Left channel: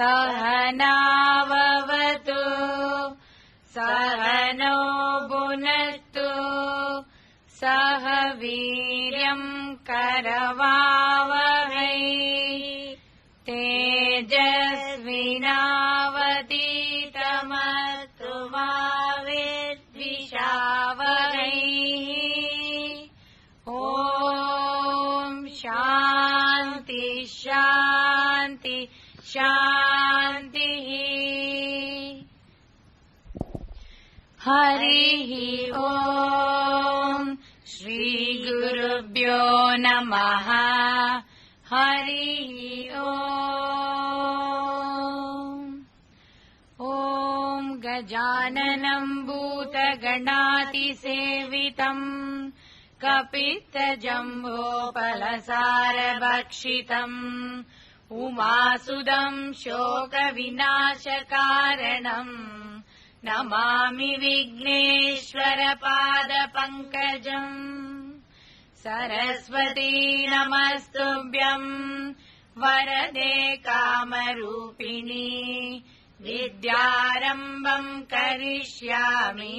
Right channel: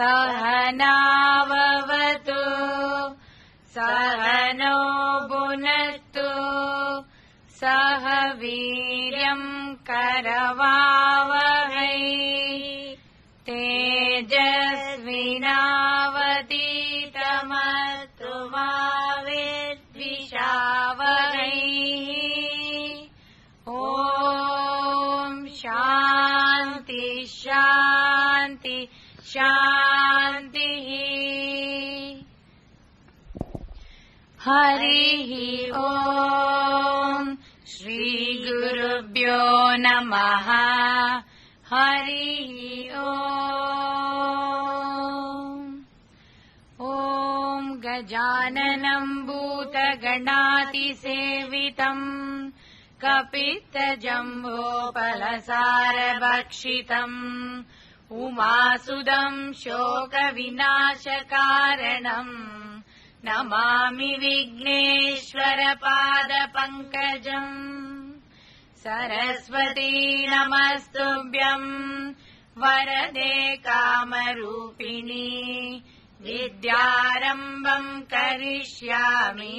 सहनाववतु सहनो भुनक्तु सह वीर्यं करवावहै तेजस्विनावधीतमस्तु मा विद्विषावहै। ॐ शान्ति शान्ति शान्तिः। हरिः ॐ श्रीगुरुभ्यो नमः। हरिः ॐ गजाननं भूतगणातिसेवितं कपित्थजम्बोफलसारभक्षितम् उमासुदं शोकविनाशकारणम् नमामि विघ्नेश्वरपादपङ्कजम्। सरस्वती नमस्तुभ्यं वरदे कामरूपिणी विद्यारम्भं करिष्यामि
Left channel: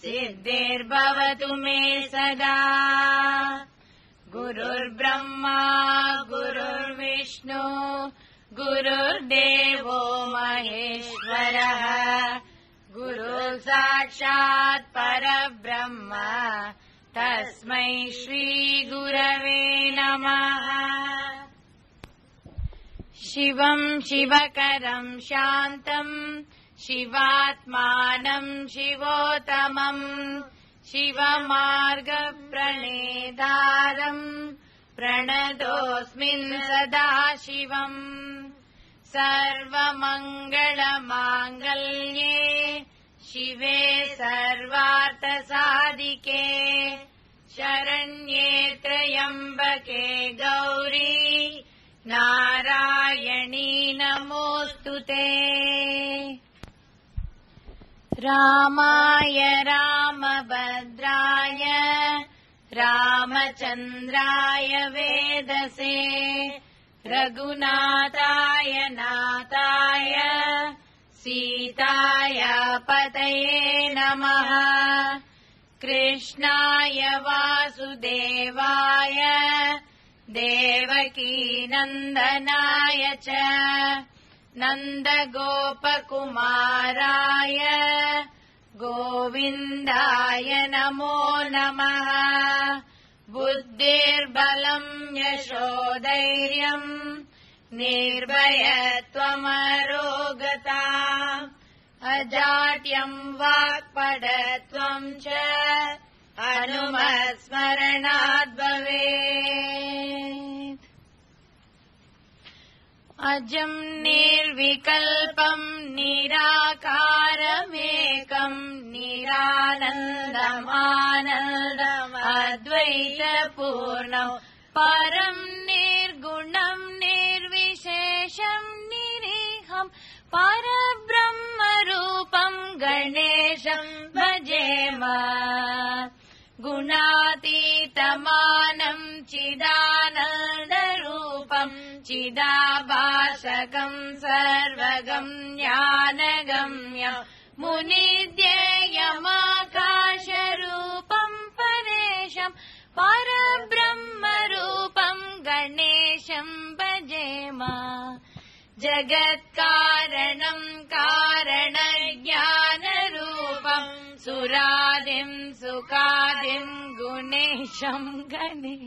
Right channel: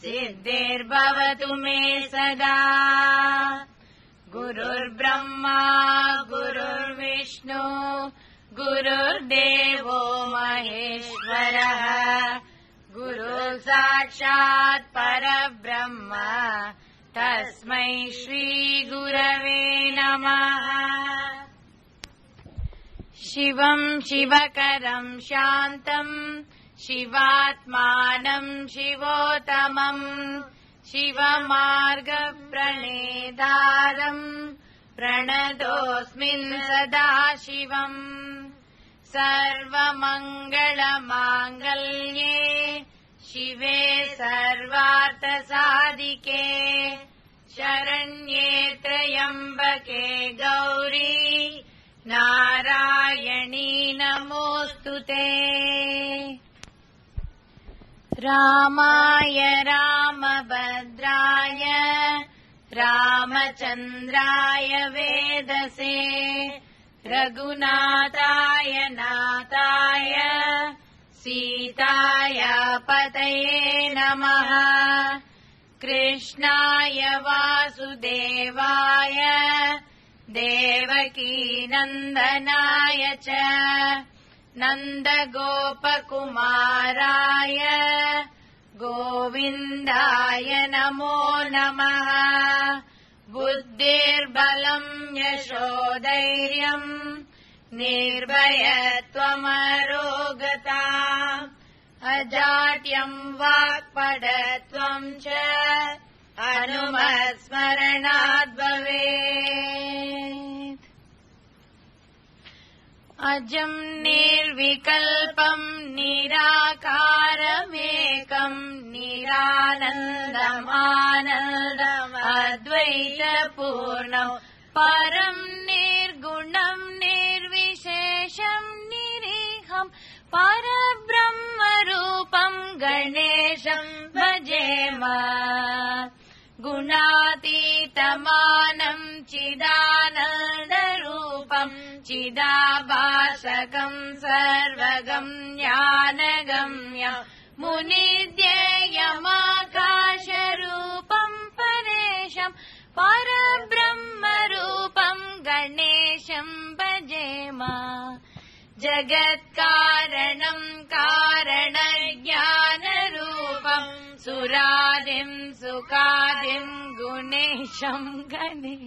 सिद्धिर्भवतु मे सदा। गुरुर्ब्रह्मा गुरुर्विष्णु गुरुर्देवो महेश्वरः गुरुः साक्षात् परब्रह्म तस्मै श्रीगुरवे नमः। शिवं शिवकरं शान्तं शिवात्मानं शिवोत्तमं शिवमार्गप्रणेतारं प्रणतोऽस्मि सदा शिवम्। सर्वमङ्गलमाङ्गल्ये शिवे सर्वार्थसाधिके शरण्ये त्र्यम्बके गौरी नारायणी नमोऽस्तुते। रामाय रामभद्राय रामचन्द्राय वेदसे रघुनाथाय नाथाय सीताय पतये नमः। कृष्णाय वासुदेवाय देवकीनन्दनाय च नन्दगोपकुमाराय गोविन्दाय नमो नमः। बुद्धिर्बलं यशोधैर्यं निर्भयत्वमरोगता अजाड्यं वाक्पटुत्वं च हनुमत्स्मरणात् भवेत्। अजं निर्विकल्पं निराकारमेकं निरानन्दमानन्दमद्वैतपूर्णं परं निर्गुणं निर्विशेषं निरीहं परब्रह्मरूपं गणेशं भजेम। गुणातीतमानं चिदानन्दरूपं चिदाभासकं सर्वगं ज्ञानगम्यं मुनिध्येयमाकाशरूपं परेशं परब्रह्मरूपं गणेशं भजेम। जगत्कारणं कारणज्ञानरूपं सुरादिं सुखादिं गुणेशं गणे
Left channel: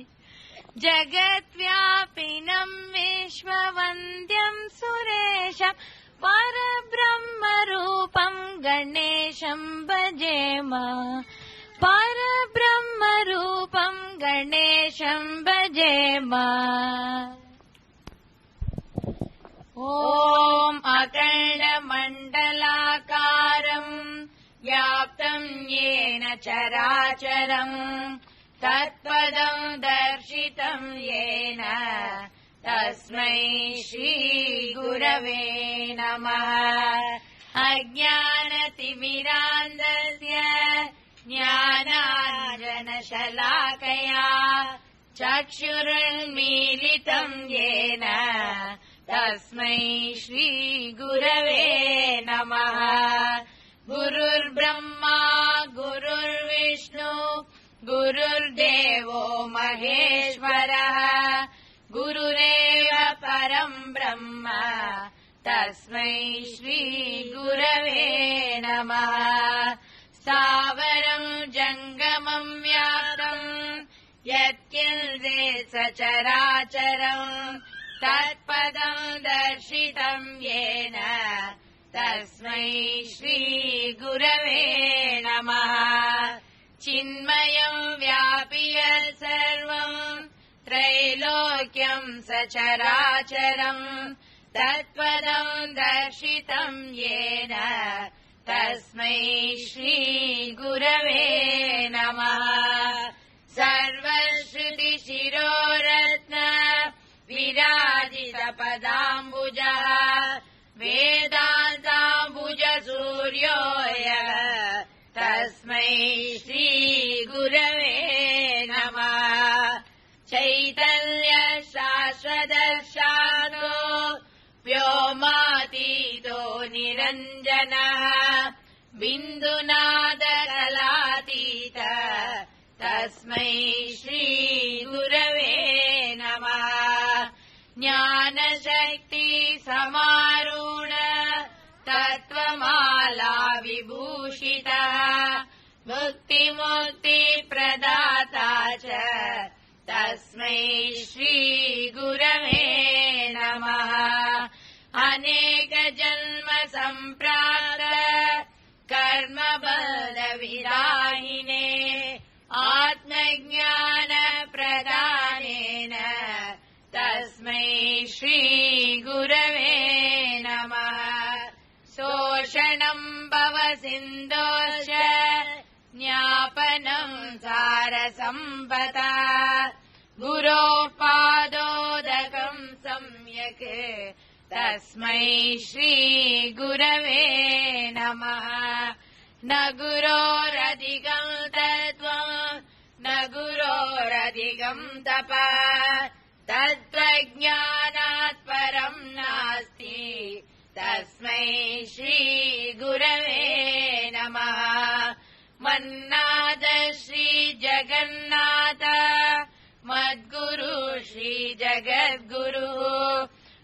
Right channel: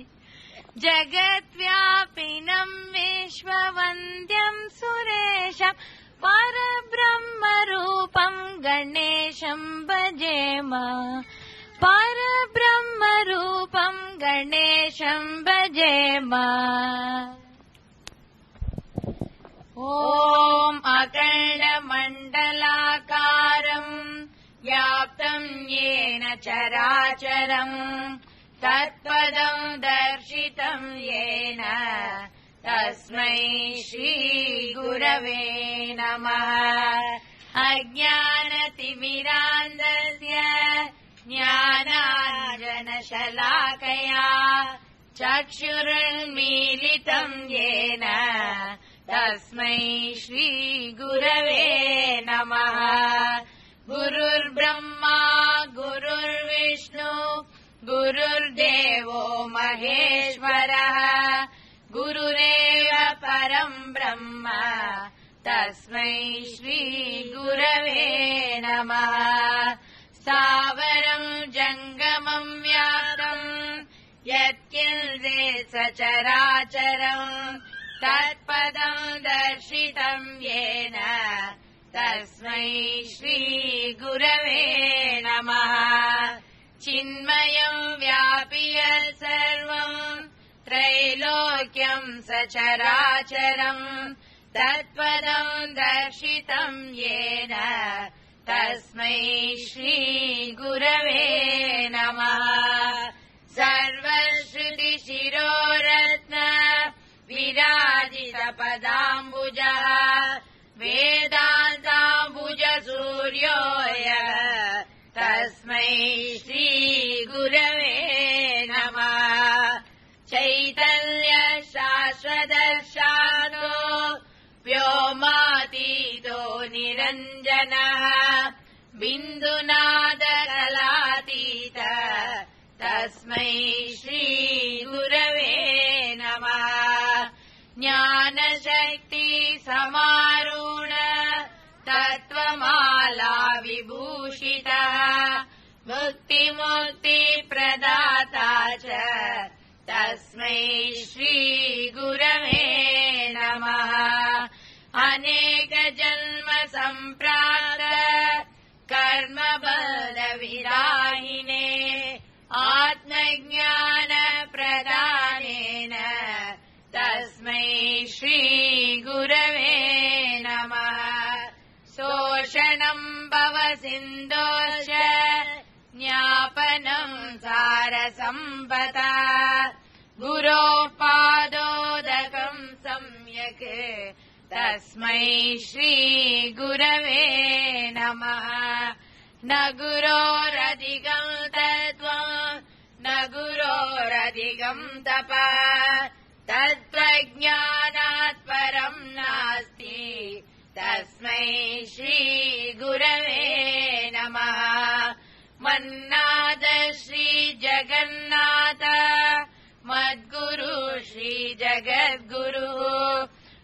जगद्व्यापिनं विश्ववन्द्यं सुरेशं परब्रह्मरूपं गणेशं भजेम। परब्रह्मरूपं गणेशं भजेम। ॐ अखण्डमण्डलाकारं व्याप्तं येन चराचरं तत्पदं दर्शितं येन तस्मै श्रीगुरवे नमः। अज्ञानतिमिरान्धस्य ज्ञानाञ्जनशलाकया चक्षुरुन्मीलितं येन तस्मै श्रीगुरवे नमः। गुरुर्ब्रह्मा गुरुर्विष्णु गुरुर्देवो महेश्वरः गुरुरेव परं ब्रह्म तस्मै श्रीगुरवे नमः। स्थावरं जङ्गमं व्याप्तं यत्किञ्चित् सचराचरं तत्पदं दर्शितं येन तस्मै श्रीगुरवे नमः। चिन्मयं व्यापि यत् सर्वं त्रैलोक्यं सचराचरं तत्पदं दर्शितं येन तस्मै श्रीगुरवे नमः। सर्वश्रुतिशिरोरत्न विराजितपदाम्बुजः वेदान्ताम्बुजसूर्यो यः तस्मै श्रीगुरवे नमः। चैतन्यशाश्वतशानो व्योमातीतो निरञ्जनः बिन्दुनादकलातीत तस्मै श्रीगुरवे नमः। ज्ञानशक्ति समारूढ तत्त्वमाला विभूषितः मुक्तिप्रदाता च तस्मै श्रीगुरवे नमः। अनेकजन्म सम्प्राप्त कर्मबलविदायिने आत्मज्ञानप्रदानेन तस्मै श्रीगुरवे नमः। शोषणं भवसिन्धोश्च ज्ञापनं सारसम्पदा गुरोः पादोदकं सम्यक् तस्मै श्रीगुरवे नमः। न गुरोरधिकं तत्त्वं न गुरोरधिकं तपः तत्त्वज्ञानात् परं नास्ति तस्मै श्रीगुरवे नमः। मन्नाथ श्रीजगन्नाथ मद्गुरु श्रीजगद्गुरु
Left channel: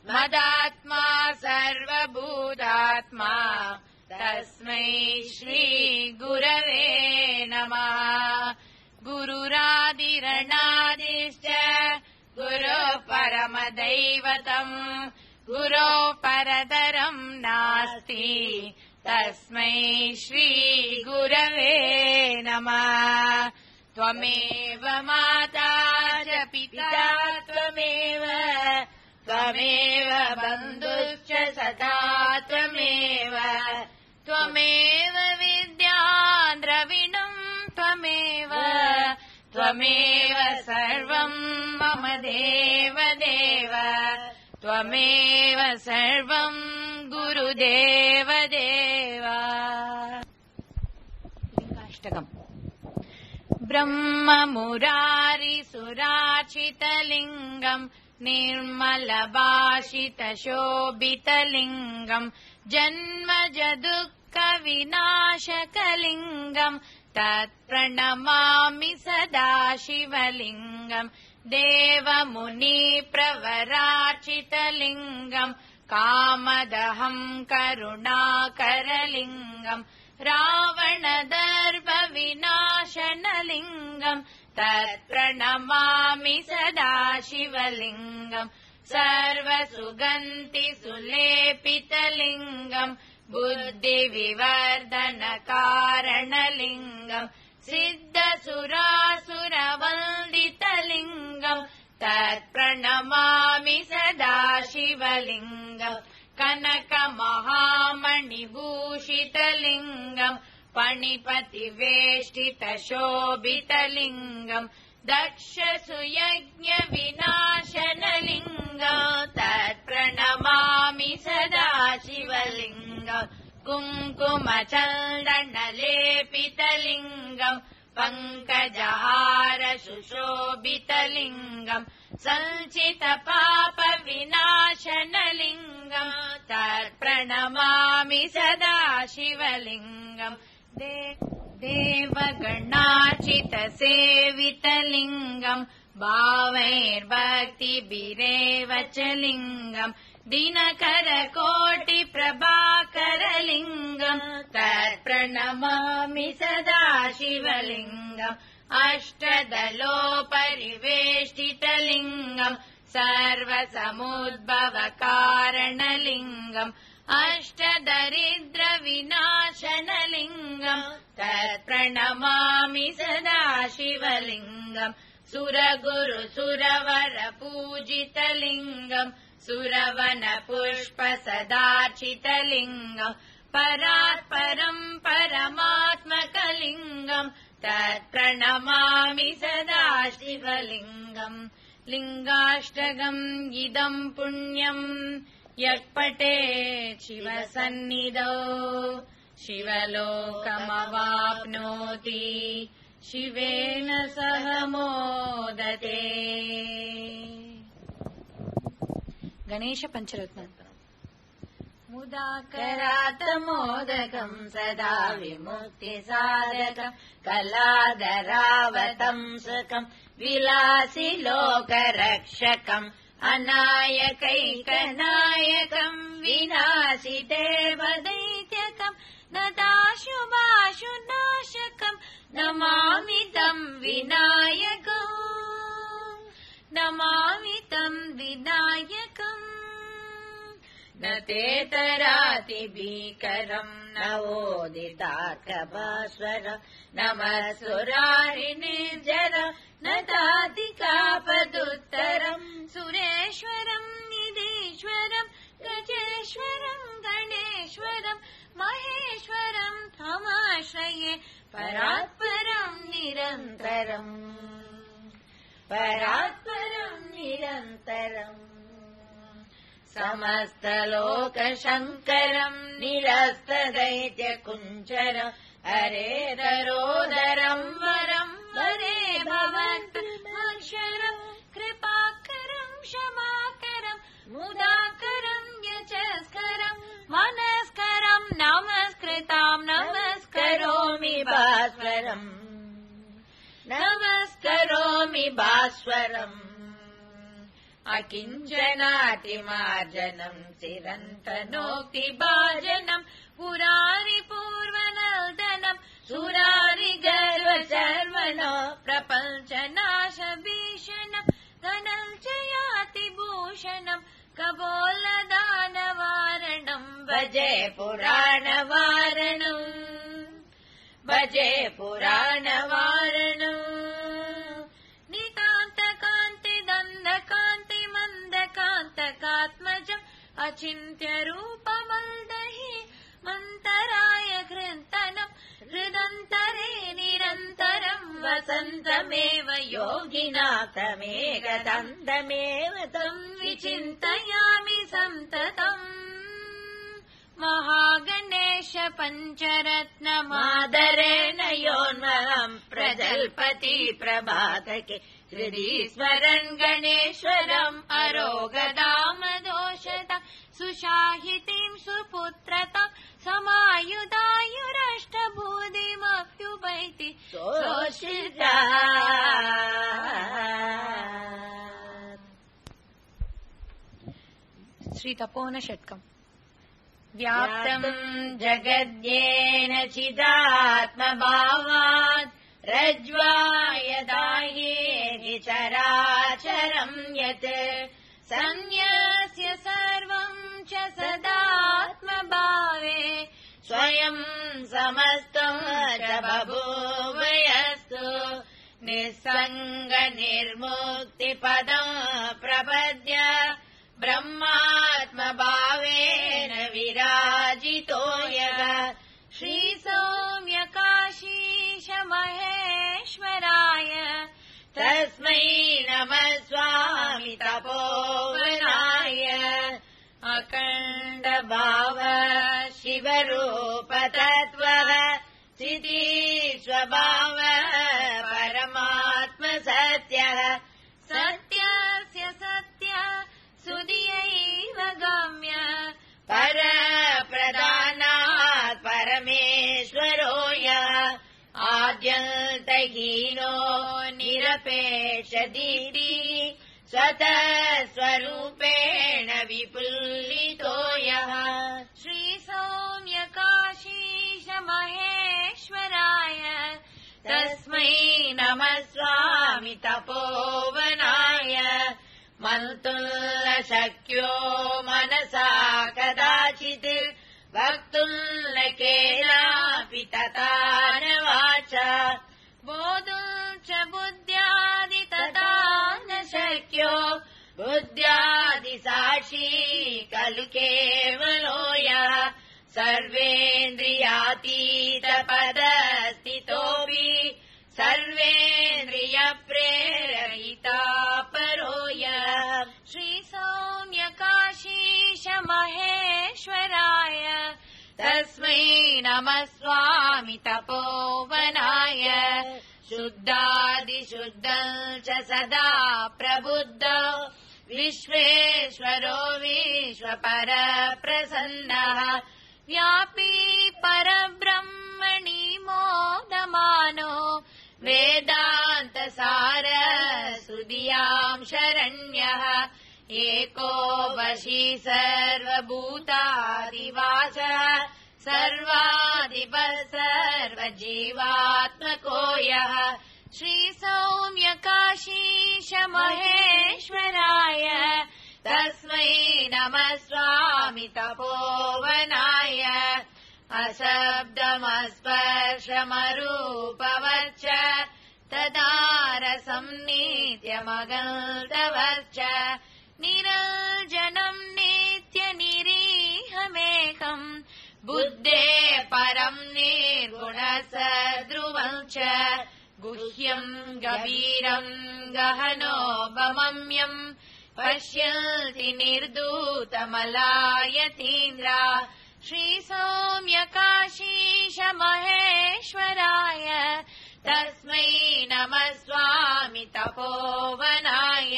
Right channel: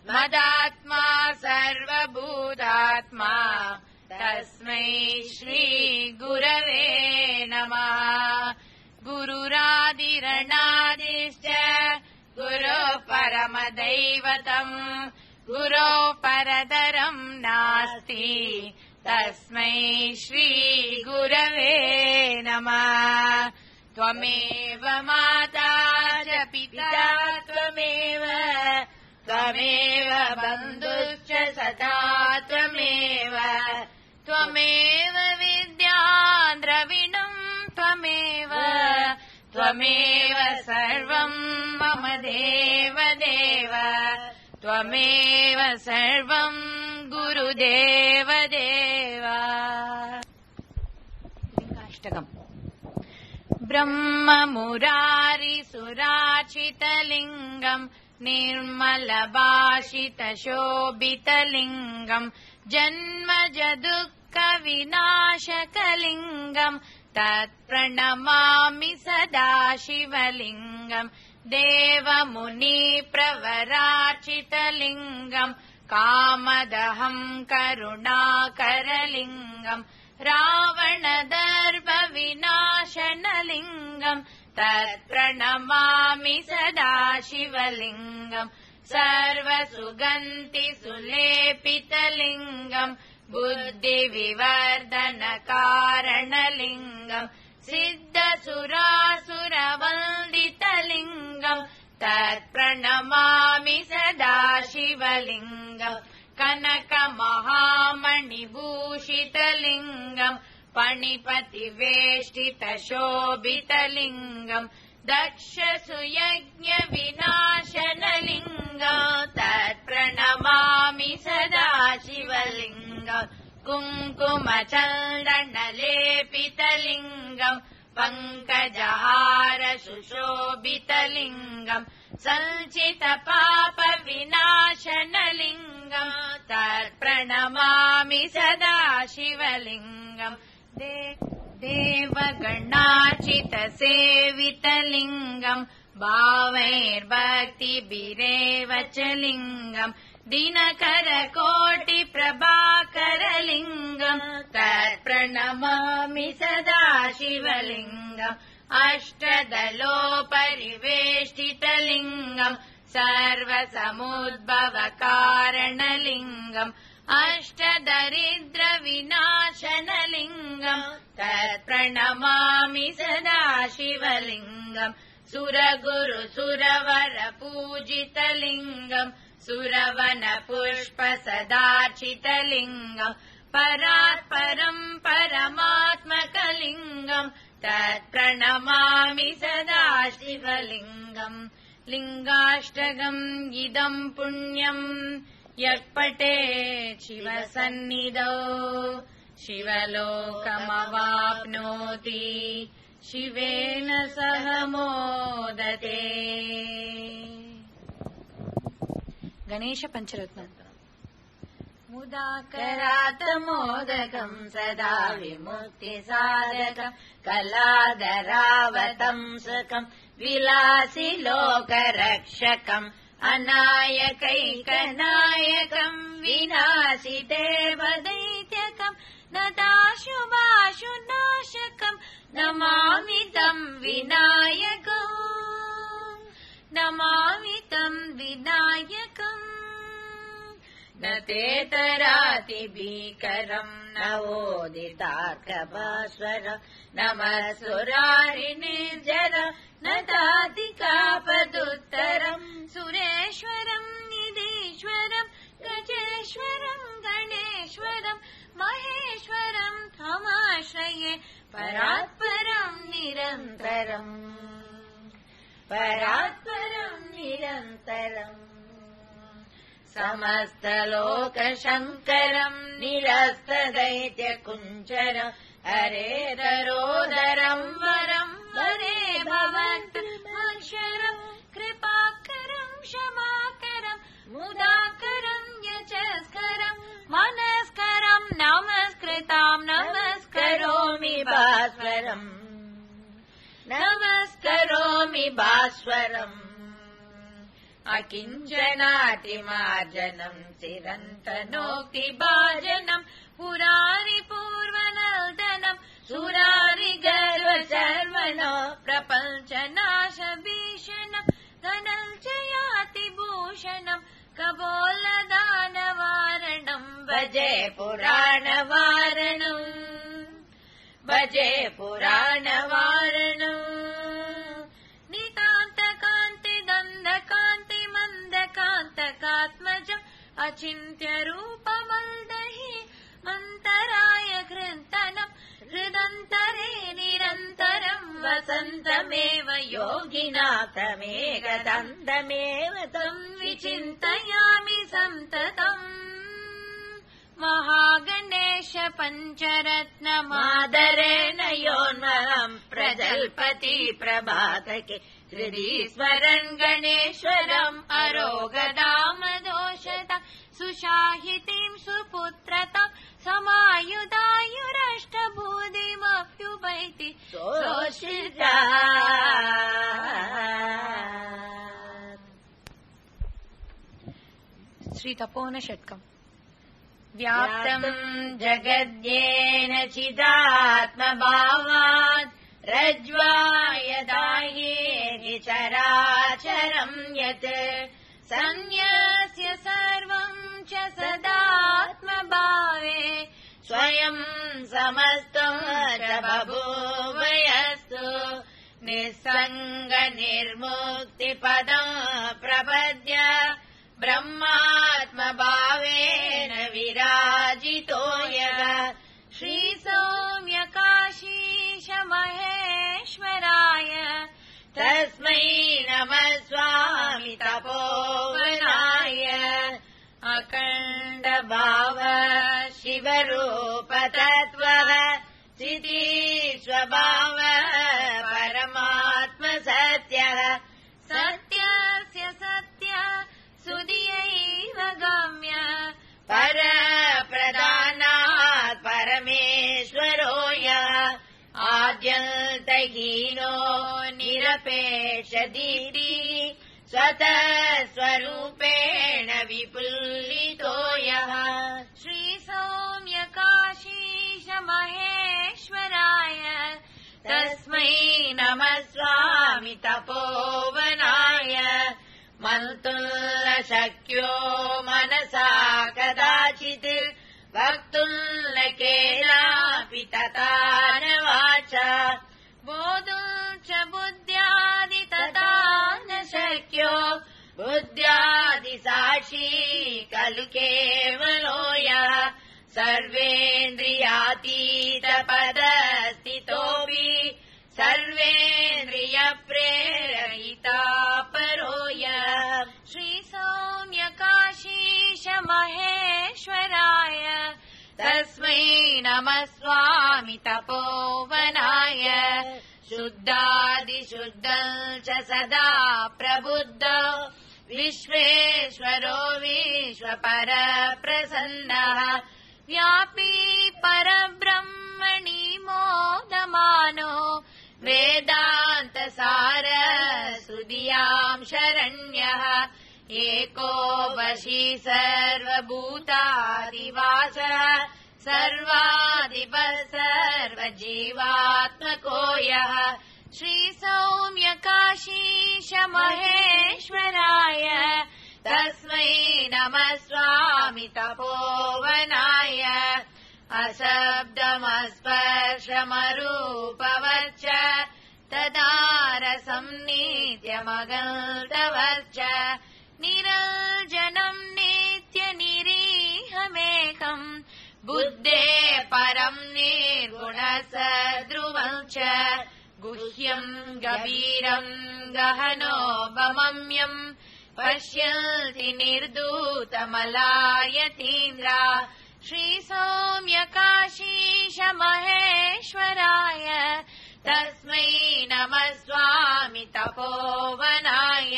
मदात्मा सर्वभूतात्मा तस्मै श्रीगुरवे नमः। गुरुरादिरनादिश्च गुरोः परमदैवतम् गुरोः परतरं नास्ति तस्मै श्रीगुरवे नमः। त्वमेव माता च पिता त्वमेव त्वमेव बन्धुश्च सखा त्वमेव त्वमेव विद्या द्रविणं त्वमेव त्वमेव सर्वं मम देव देव त्वमेव सर्वं गुरुदेव देव। ब्रह्ममुरारिसुराचितलिङ्गम् निर्मलभाषितशोभितलिङ्गम् जन्मजदुःखविनाशकलिङ्गम् तत्प्रणमामि सदा शिवलिङ्गम्। देवमुनिप्रवरार्चितलिङ्गम् कामदहं करुणाकरलिङ्गम् रावणदर्पविनाशनलिङ्गम् तत्प्रणमामि सदा शिवलिङ्गम्। सर्वसुगन्धिसुलेपितलिङ्गम् बुद्धिविवर्धनकारणलिङ्गम् सिद्धसुरासुरवन्दितलिङ्गम् तत्प्रणमामि सदा शिवलिङ्गम्। कनकमहामणिभूषितलिङ्गम् पणिपतिवेष्टितशोभितलिङ्गम् दक्षसुयज्ञविनाशनलिङ्गं तत्प्रणमामि सदा शिवलिङ्गं कुङ्कुमचन्दनलेपितलिङ्गं पङ्कजहार सुशोभितलिङ्गं संचितपापविनाशनलिङ्गं तत्प्रणमामि सदा शिवलिङ्गम् देवगणाचितसेवितलिङ्गं भावैर्भक्तिभिरेव च लिङ्गं दिनकरकोटिप्रभाकरलिङ्गं तत्प्रणमामि सदा शिवलिङ्गम् अष्टदलोपरिवेष्टितलिङ्गं सर्वसमुद्भवकारणलिङ्गम् अष्टदरिद्रविनाशनलिङ्गं तत्प्रणमामि सदा शिवलिङ्गम् सुरगुरुसुरवरपूजितलिङ्गं सुरवनपुष्पसदार्चितलिङ्गं परात्परं परमात्मकलिङ्गं तत्प्रणमामि सदा शिवलिङ्गम् लिङ्गाष्टकम् इदं पुण्यम् यः पठेत् शिवसन्निधौ शिवलोकमवाप्नोति शिवेन सह मोदते। गणेश पंचरत्न मुदाकरात् मोदकं सदा विमुक्तिसाधकं कलाधरावतंसकं विलासि लोकरक्षकम् अनायकैकनायकं विनाशिते वदैककं नताशुभाशुनाशकं नमामि तं विनायकम् नमामि तं विनायकम् न तेतरातिभीकरं नवोदितार्कभास्वरं नमस्सुरारिनिर्जर न तातिकापदुत्तरं सुरेश्वरं निधीश्वरं गजेश्वरं गणेश्वरं महेश्वरं तमाश्रये परात्परं निरन्तरम् परात्परं निरन्तरम् समस्तलोकशङ्करं निरस्तदैत्यकुञ्जरं हरेतरोदरं वरं वरे भवन्तमक्षरं कृपाकरं क्षमाकरं मुदाकरं यशस्करं मनस्करं नमस्कृतां नमस्करोमि भास्वरम् नमस्करोमि भास्वरम् अकिञ्चनातिमार्जनं चिरन्तनोक्तिभाजनं पुरारि पूर्वनर्दनं सुरारि गर्वशर्मणो प्रपञ्चनाशभीषणं धनञ्जयातिभूषणं कपोलदानवारणं भजे पुराणवारणम् भजे पुराणवारणम् नितान्तकान्ति दण्डकान्ति मन्दकान्तकात्मज अचिन्त्यरूपमल्दहि मन्तराय कृन्तनं हृदन्तरे निरन्तरं वसन्तमेव योगिनाथमेकदन्तमेव तं विचिन्तयामि सन्ततम् महागणेश पञ्चरत्नमादरेण योन्महं प्रजल्पति प्रभातके हृदीश्वरं गणेश्वरम् अरोगदामदोषता सुशाहितीं सुपुत्रता समायुधायुरष्टभूतिमप्युपैति शोषिता। श्रीतपोवनशतकम् व्याप्तं जगद्येन चिदात्मभावात् रज्ज्वा यदा येति चराचरं यत् संन्यस्य सर्वं च सदात्मभावे स्वयं समस्तं च बभूवयस्तु निस्सङ्गनिर्मुक्तिपदं प्रपद्य ब्रह्मात्मभावेन विराजितो यः श्रीसौम्यकाशीश महेश्वराय तस्मै नमः स्वामी तपोवनाय अखण्ड भाव शिवरूप तत्त्वः चिति स्वभाव परमात्म सत्यः सत्यस्य सत्य सुधियैव गम्य पर प्रधानात् परमेश्वरो यः आद्यन्तहीनो निरपेक्ष दीप्तिः स्वतः स्वरूपेण विपुलितो यः श्री सौम्यकाशीश महेश्वराय तस्मै नमः स्वामी तपोवनाय मन्तुं न शक्यो मनसा कदाचित् वक्तुं न केनापि तथा न वाचा बोधुं च बुद्ध्यादि तथा न शक्यो बुद्ध्यादिसाक्षी खलु केवलो यः सर्वेन्द्रियातीतपदस्थितोऽपि सर्वेन्द्रियप्रेरिता परो यः श्रीसौम्यकाशीश महेश्वराय तस्मै नमः स्वामी तपोवनाय शुद्धादिशुद्धं च सदा प्रबुद्धो विश्वेश्वरो विश्वपरप्रसन्नः व्यापी परब्रह्मणि मोदमानो वेदान्तसार सुधियां शरण्यः एको वशी सर्वभूतादिवासः सर्वाधिपः सर्वजीवात्मको यः श्रीसौम्यकाशीश महेश्वराय तस्मै नमः स्वामी तपोवनाय अशब्दमस्पर्शमरूपवच्च तदारसं नित्यमगन्तवच्च निरञ्जनं नित्यनिरीहमेकम् बुद्धे परं निर्गुणसद्रुवं च गुह्यं गभीरं गहनोपमम्यं पश्यति निर्धूतमलायतीन्द्रा श्रीसौम्यकाशीश महेश्वराय तस्मै नमः स्वामी तपोवनाय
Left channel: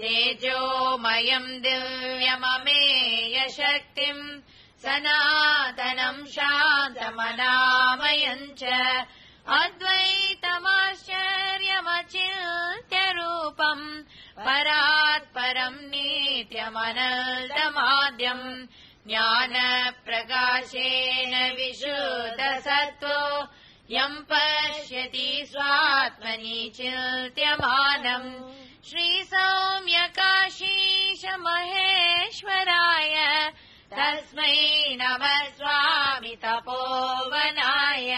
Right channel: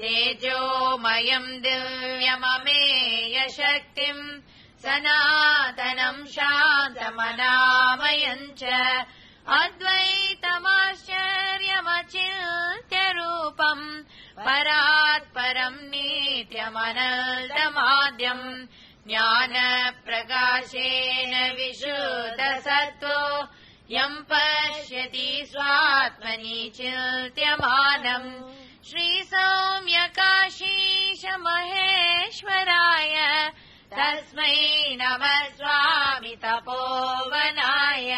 तेजोमयं दिव्यममेयशक्तिं सनातनं शान्तमनामयं च अद्वैतमाश्चर्यमचिन्त्यरूपम् परात्परं नित्यमनन्तमाद्यम् ज्ञानप्रकाशेन विशुद्धसत्त्वो यं पश्यति स्वात्मनि चिन्त्यमानम् श्रीसौम्यकाशीश महेश्वराय तस्मै नमः स्वामी तपोवनाय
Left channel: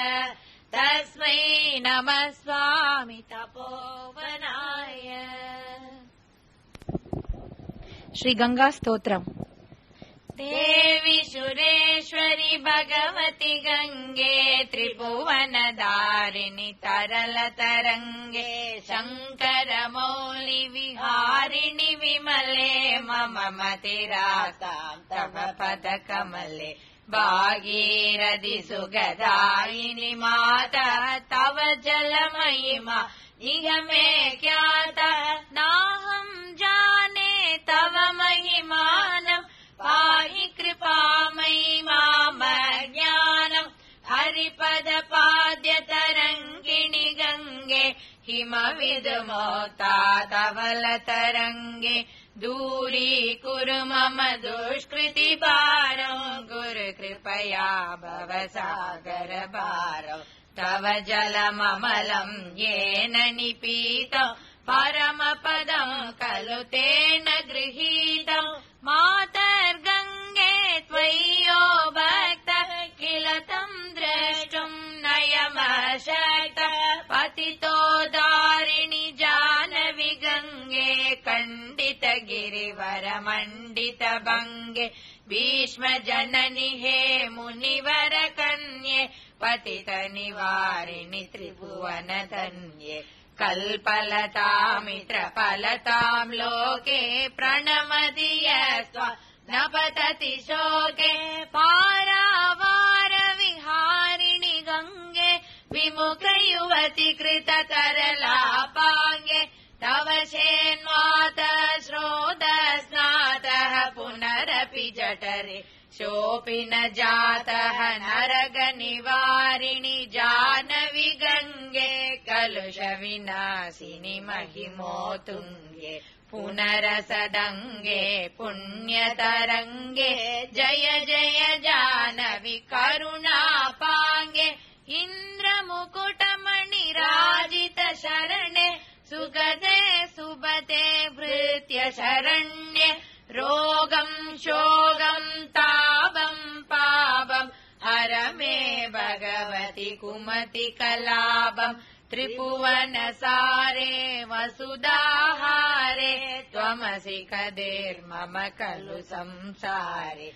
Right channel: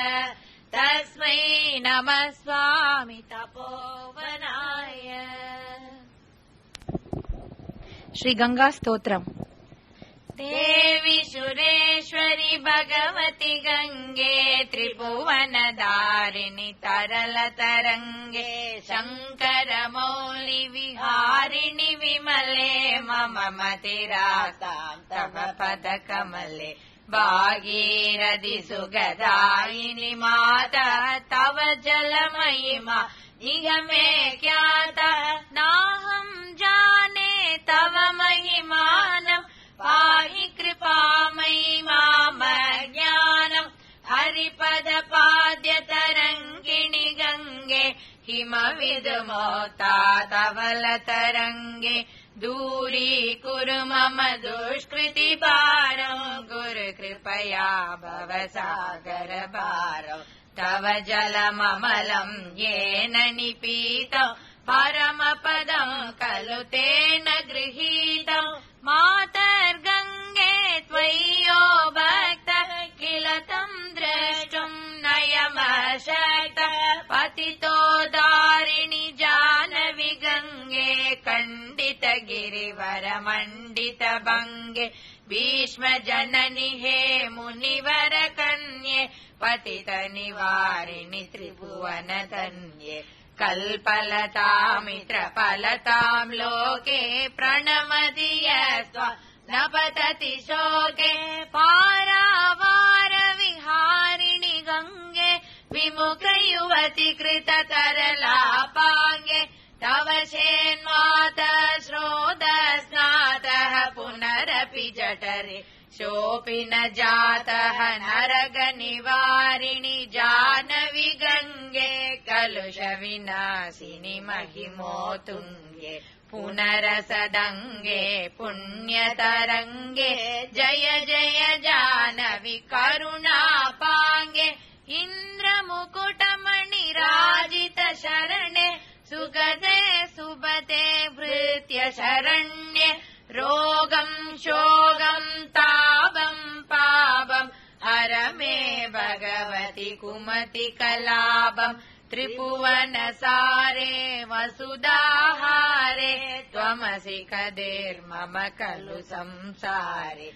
तस्मै नमः स्वामी तपोवनाय श्री गंगा स्तोत्रम। देवी सुरेश्वरी भगवती गंगे त्रिभुवनधारिणि तरल तरंगे शंकर मौलि विहारिणि विमले मम मतिरासां तव पद कमले भागीरथि सुगदायिनि माता तव जल महिमा नियमे ज्ञाता नाहं जाने तव महिमानम् पाहि कृपामयि माम ज्ञानम् हरिपद पाद्य तरङ्गिणि गङ्गे किमविदुमोक्ता धवल तरङ्गे दूरीकुरु मम दुष्कृति भारम् गुरु कृपया भव सागर भारम् तव जलममलम् येन निपीतम् परमपदम् खलु तेन गृहीतम् मातर्गङ्गे त्वय्यो भक्त किल तम् द्रष्टुम् नयमशक्त पतितो दारिणि जानवि गङ्गे खण्डित गिरिवर मण्डित भङ्गे भीष्म जननि हे मुनिवर कन्ये पतित निवारिणि त्रिभुवन धन्ये कल्पलतामित्रफलतां लोके प्रणमति यस्व न पतति शोके पारावारविहारिणि गङ्गे विमुखयुवति कृततरलापाङ्गे तव शेन्मातः श्रोतस्नातः पुनरपि जठरे शोऽपि न जातः नरगनिवारिणि जानवि गङ्गे कलुषविनाशिनि महिमोतुङ्गे पुनरसदङ्गे पुण्यतरङ्गे जय जय जानवि करुणापाङ्गे इन्द्रमुकुटमणिराजित शरणे सुगते सुबते भृत्य शरण्ये रोगं शोगं तापं पापं हर मे भगवति कुमति कलापं त्रिभुवनसारे वसुधाहारे त्वमसि कदेर्मम खलु संसारे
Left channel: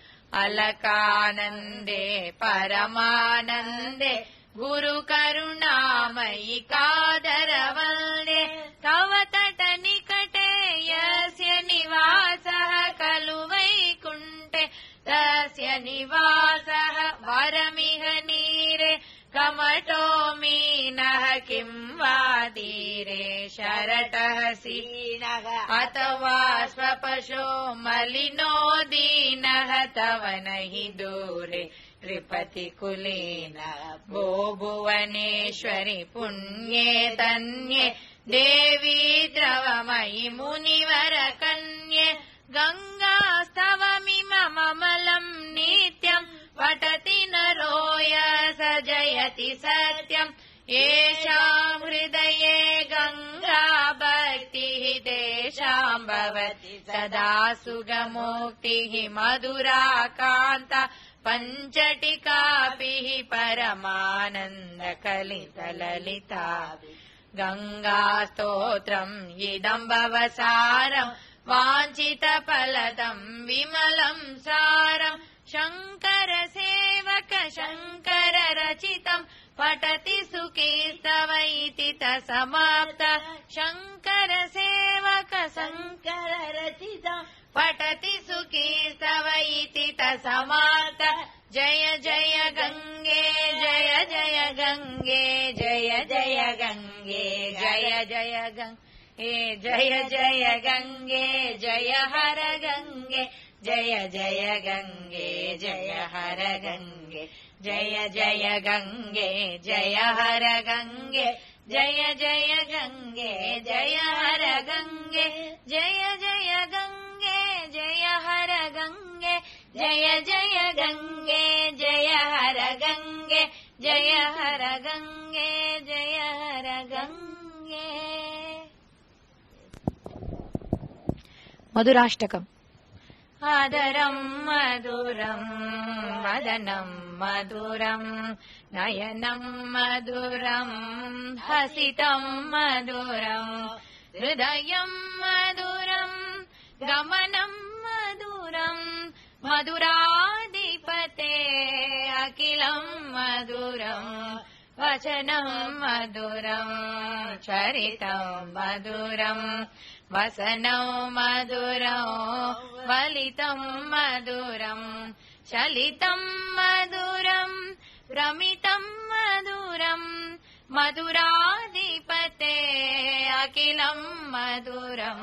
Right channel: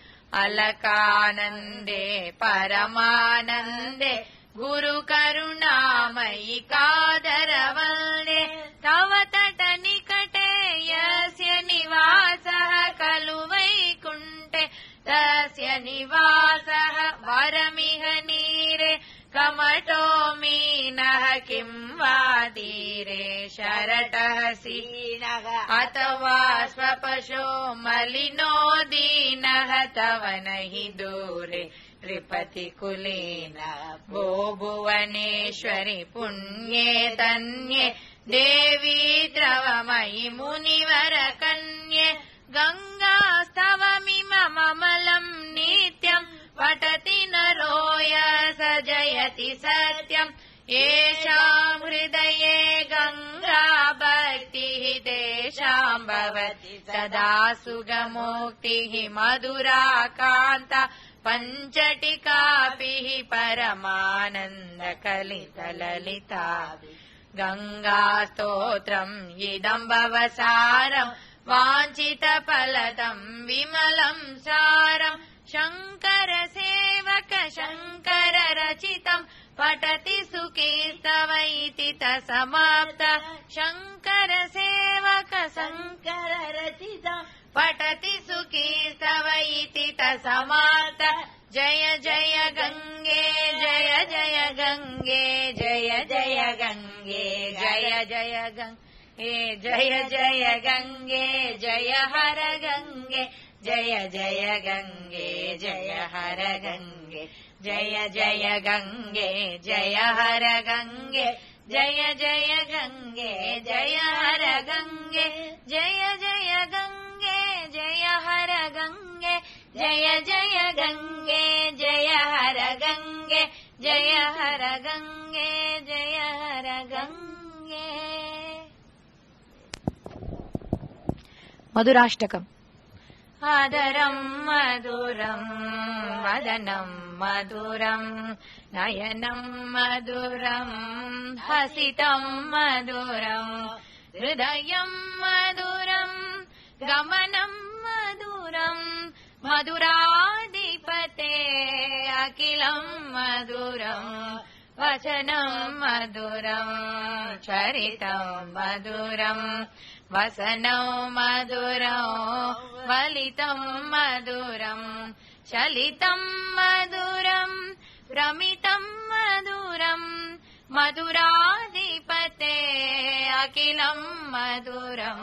अलकानन्दे परमानन्दे गुरुकरुणामयि कादरवन्दे तव तटनिकटे यस्य निवासः खलु वैकुण्ठे तस्य निवासः वरमिह नीरे कमतो मीनः किं वा तीरे शरटः सीनः अथवा स्वपशो मलिनो दीनः तव नहि दूरे त्रिपतिकुलेन भो भुवनेश्वरि पुण्ये तन्ये देवी द्रवमयि मुनिवरकन्ये गङ्गास्तवमिममलं नित्यं पठति नरो स जयति सत्यम् येषां हृदये गङ्गा भक्तिः तेषां भवति सदा सुगमोक्तिः मधुराकान्ता पञ्चटिकाभिः परमानन्दकलितललिताभिः गङ्गास्तोत्रम् इदं भवसारम् वाञ्छितफलदं विमलं सारम् शङ्कर सेवक शङ्कर रचितम् पठति सुकीर्तवैति समाप्त शङ्कर सेवक शङ्कर रचितम् पठति सुकीर्तवैति समाप्त जय जय गङ्गे जय जय गङ्गे जय जय गङ्गे जय जय गङ्गे जय जय गङ्गे जय हर गङ्गे जय जय गङ्गे जय हर गङ्गे जय जय गङ्गे जय हर गङ्गे जय जय गङ्गे जय हर गङ्गे जय जय गङ्गे जय हर गङ्गे जय जय गङ्गे जय हर गङ्गे जय हर गङ्गे जय हर गङ्गे मधुराष्टकम् आदरं मधुरं मदनं मधुरं नयनं मधुरं हसितं मधुरं हृदयं मधुरं गमनं मधुरं मधुराधिपते अखिलं मधुरं वचनं मधुरं चरितं मधुरं वसनं मधुरं वलितं मधुरं चलितं मधुरं रमितं मधुरं मधुराधिपते अखिलं मधुरं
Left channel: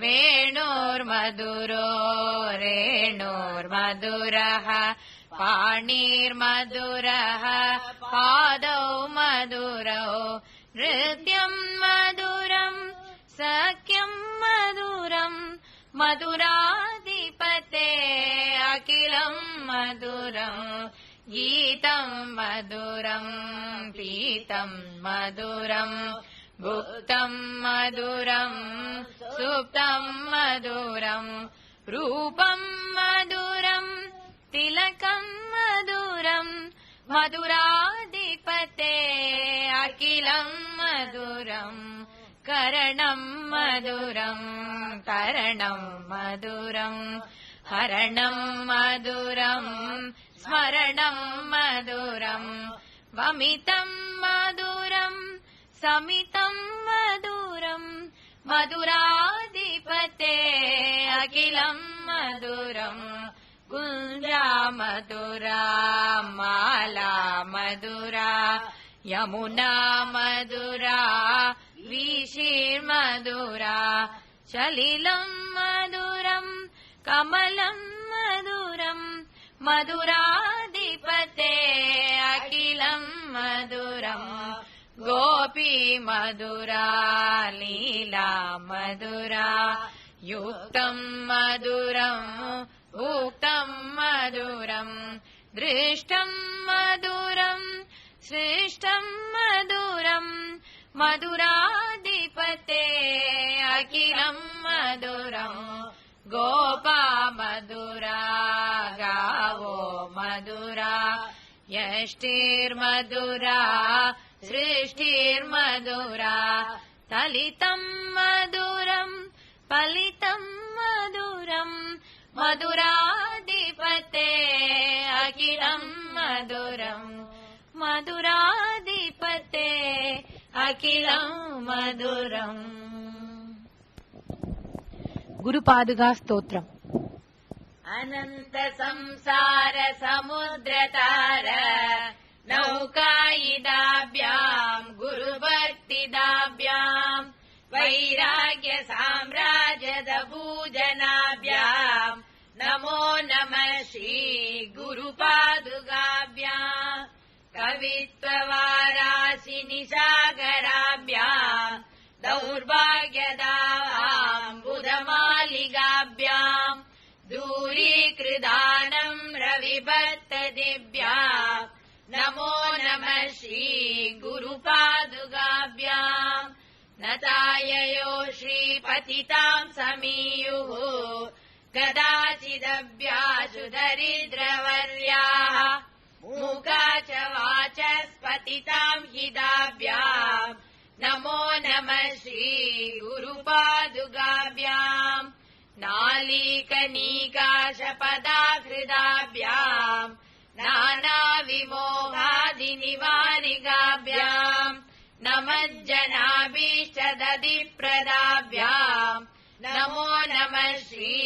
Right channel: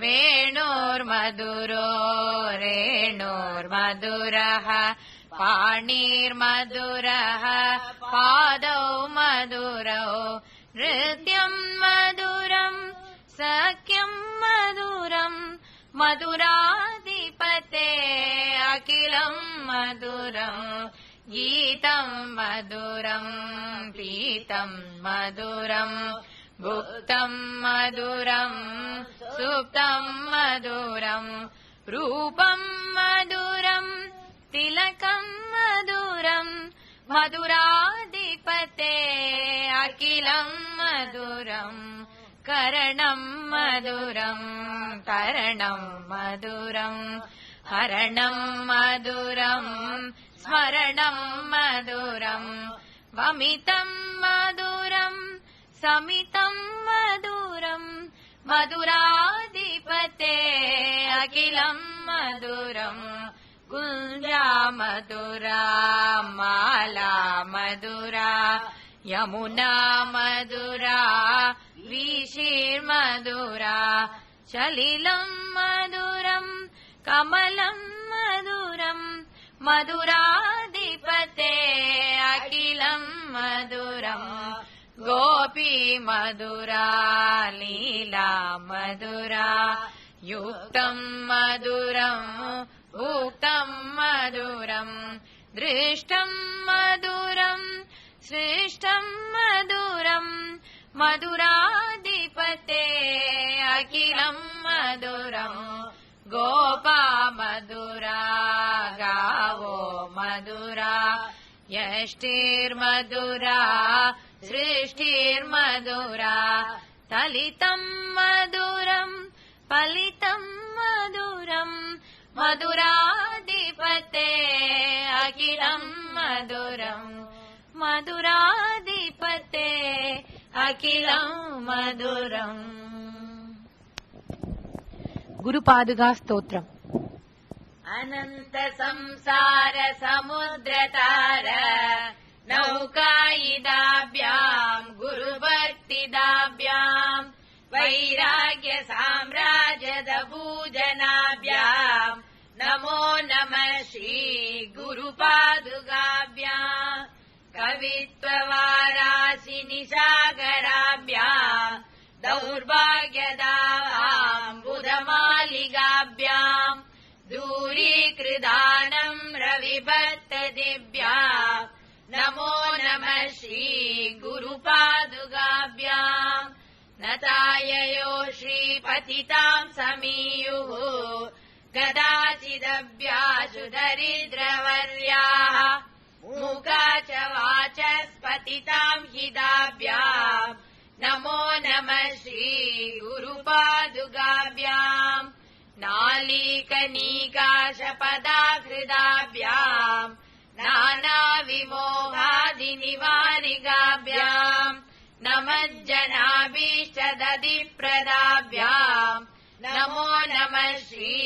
वेणोर्मधुरो रेणोर्मधुरः पाणिर्मधुरः पादौ मधुरौ नृत्यं मधुरं सख्यं मधुरं मधुराधिपते अखिलं मधुरं गीतं मधुरं पीतं मधुरं भुक्तं मधुरं सुप्तं मधुरं रूपं मधुरं तिलकं मधुरं मधुराधिपते अखिलं मधुरं करणं मधुरं तरणं मधुरं हरणं मधुरं स्मरणं मधुरं वमितं मधुरं समितं मधुरं मधुराधिपते अखिलं मधुरं कुञ्जा मधुरा माला मधुरा यमुना मधुरा वीशी मधुरा सलिलं मधुरं कमलं मधुरं मधुराधिपते अखिलं मधुरं गोपी मधुरा लीला मधुरा युक्तं मधुरं भूक्तं मधुरं दृष्टं मधुरं श्रेष्ठं मधुरं मधुराधिपते अखिलं मधुरं गोपा मधुरा गावो मधुरा यष्टिर्मधुरा सृष्टिर्मधुरा ललितं मधुरं फलितं मधुरं मधुराधिपते अखिलं मधुरं मधुराधिपते अखिलं मधुरम् गुरुपादुका स्तोत्रम् अनंत संसार समुद्रतार नौकायिदाभ्यां गुरुभक्तिदाभ्यां वैराग्य साम्राज्यद पूजनाभ्यां नमो नमः श्री गुरुपादुकाभ्यां कवित्ववाराशि निसागराभ्यां दौर्भाग्यदां बुधमालिकाभ्यां दूरीकृदानं रविभक्तदिभ्यां नमो नमः श्री गुरुपादुकाभ्यां नताययो श्रीपतितां समीयुः कदाचिदभ्यासु दरिद्रवर्याः मूका च वाचस्पतितां हिदाभ्यां नमो नमः श्री गुरुपादुकाभ्यां नालीकनीकाशपदाकृदाभ्यां नानाविमोहादिनिवारिकाभ्यां नमज्जनाभीष्टदधिप्रदाभ्यां नमो नमः श्री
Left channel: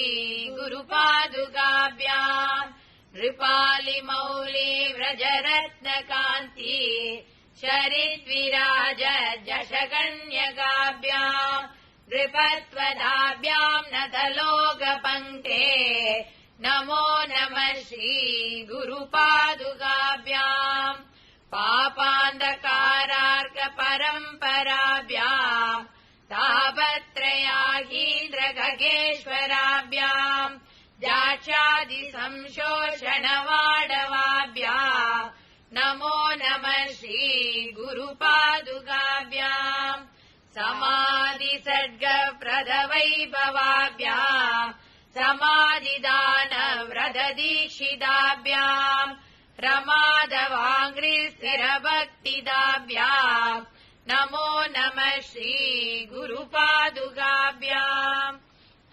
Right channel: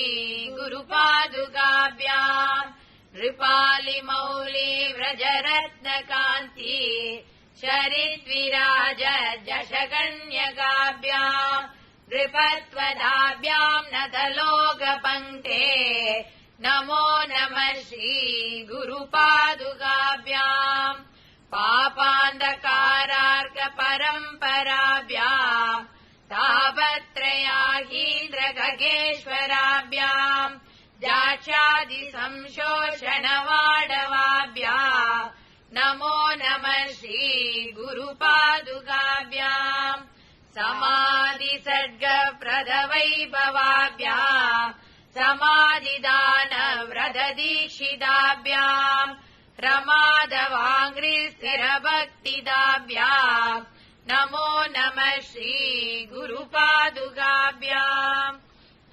गुरुपादुकाभ्यां नृपालिमौलि व्रजरत्नकान्ति शरीद्विराज दशकन्यकाभ्यां नृपत्वदाभ्यां नतलोकपङ्क्ते नमो नमः श्री गुरुपादुकाभ्यां पापान्धकारार्कपरम्पराभ्यां तापत्रयागीन्द्रगजेश्वराभ्यां जाक्षादिसंशोषणवाडवाभ्यां नमो नमः श्री गुरुपादुकाभ्यां समाधिसर्गप्रदवैभवाभ्यां समाधिदानव्रतदीक्षिताभ्यां प्रमादवाङ्घ्रिस्थिरभक्तिदाभ्यां नमो नमः श्री गुरुपादुकाभ्यां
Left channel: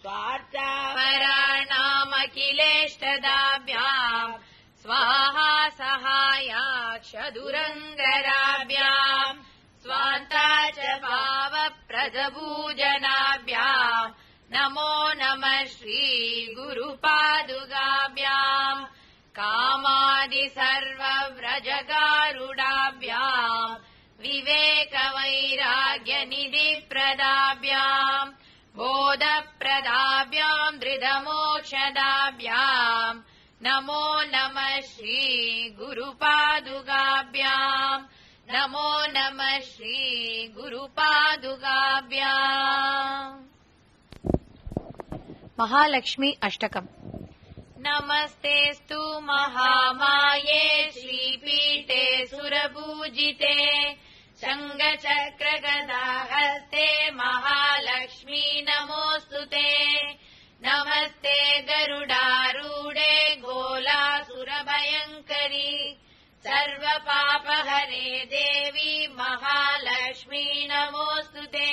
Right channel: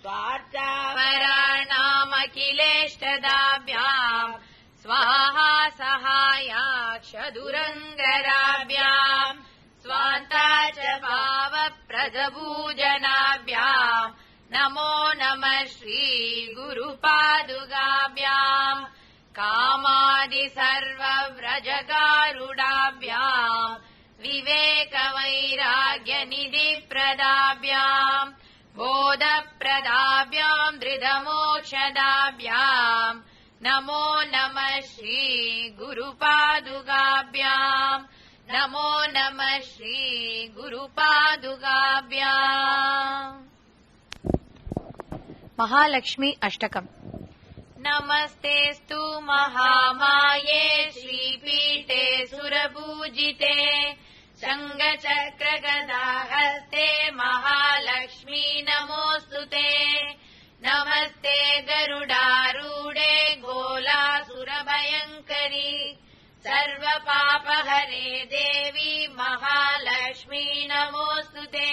स्वार्थावराणामखिलेष्टदाभ्यां स्वाहा सहायाक्षदुरङ्गराभ्यां स्वान्ता च भावप्रदपूजनाभ्यां नमो नमः श्री गुरुपादुकाभ्यां कामादि सर्वव्रजगारुडाभ्यां विवेकवैराग्यनिधिप्रदाभ्यां बोधप्रदाभ्यां धृतमोक्षदाभ्यां नमो नमः श्री गुरुपादुकाभ्यां नमो नमः श्री गुरुपादुकाभ्यां महालक्ष्मी अष्टकम् नमस्तेस्तु महामाये श्रीपीठे सुरपूजिते शङ्खचक्रगदाहस्ते महालक्ष्मी नमोऽस्तुते नमस्ते गरुडारूढे गोलासुरभयङ्करी सर्वपापहरे देवी महालक्ष्मी नमोऽस्तुते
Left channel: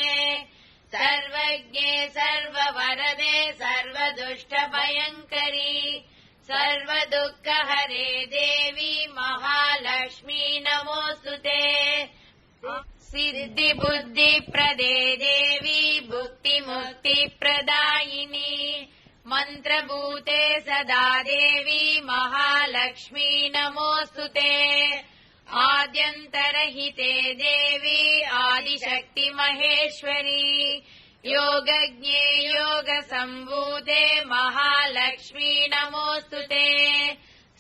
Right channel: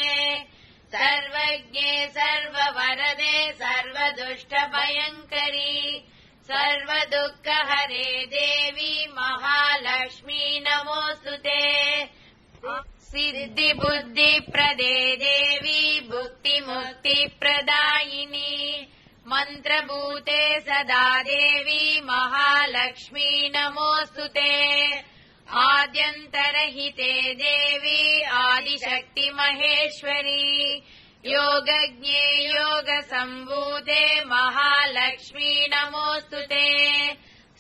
सर्वज्ञे सर्ववरदे सर्वदुष्टभयङ्करी सर्वदुःखहरे देवी महालक्ष्मी नमोऽस्तुते सिद्धि बुद्धि प्रदे देवी भुक्तिमुक्ति प्रदायिनी मंत्रभूते सदा देवी महालक्ष्मी नमोस्तुते आद्यन्तरहिते देवी आदिशक्ति महेश्वरी योगज्ञे योगसम्भूते महालक्ष्मी नमोस्तुते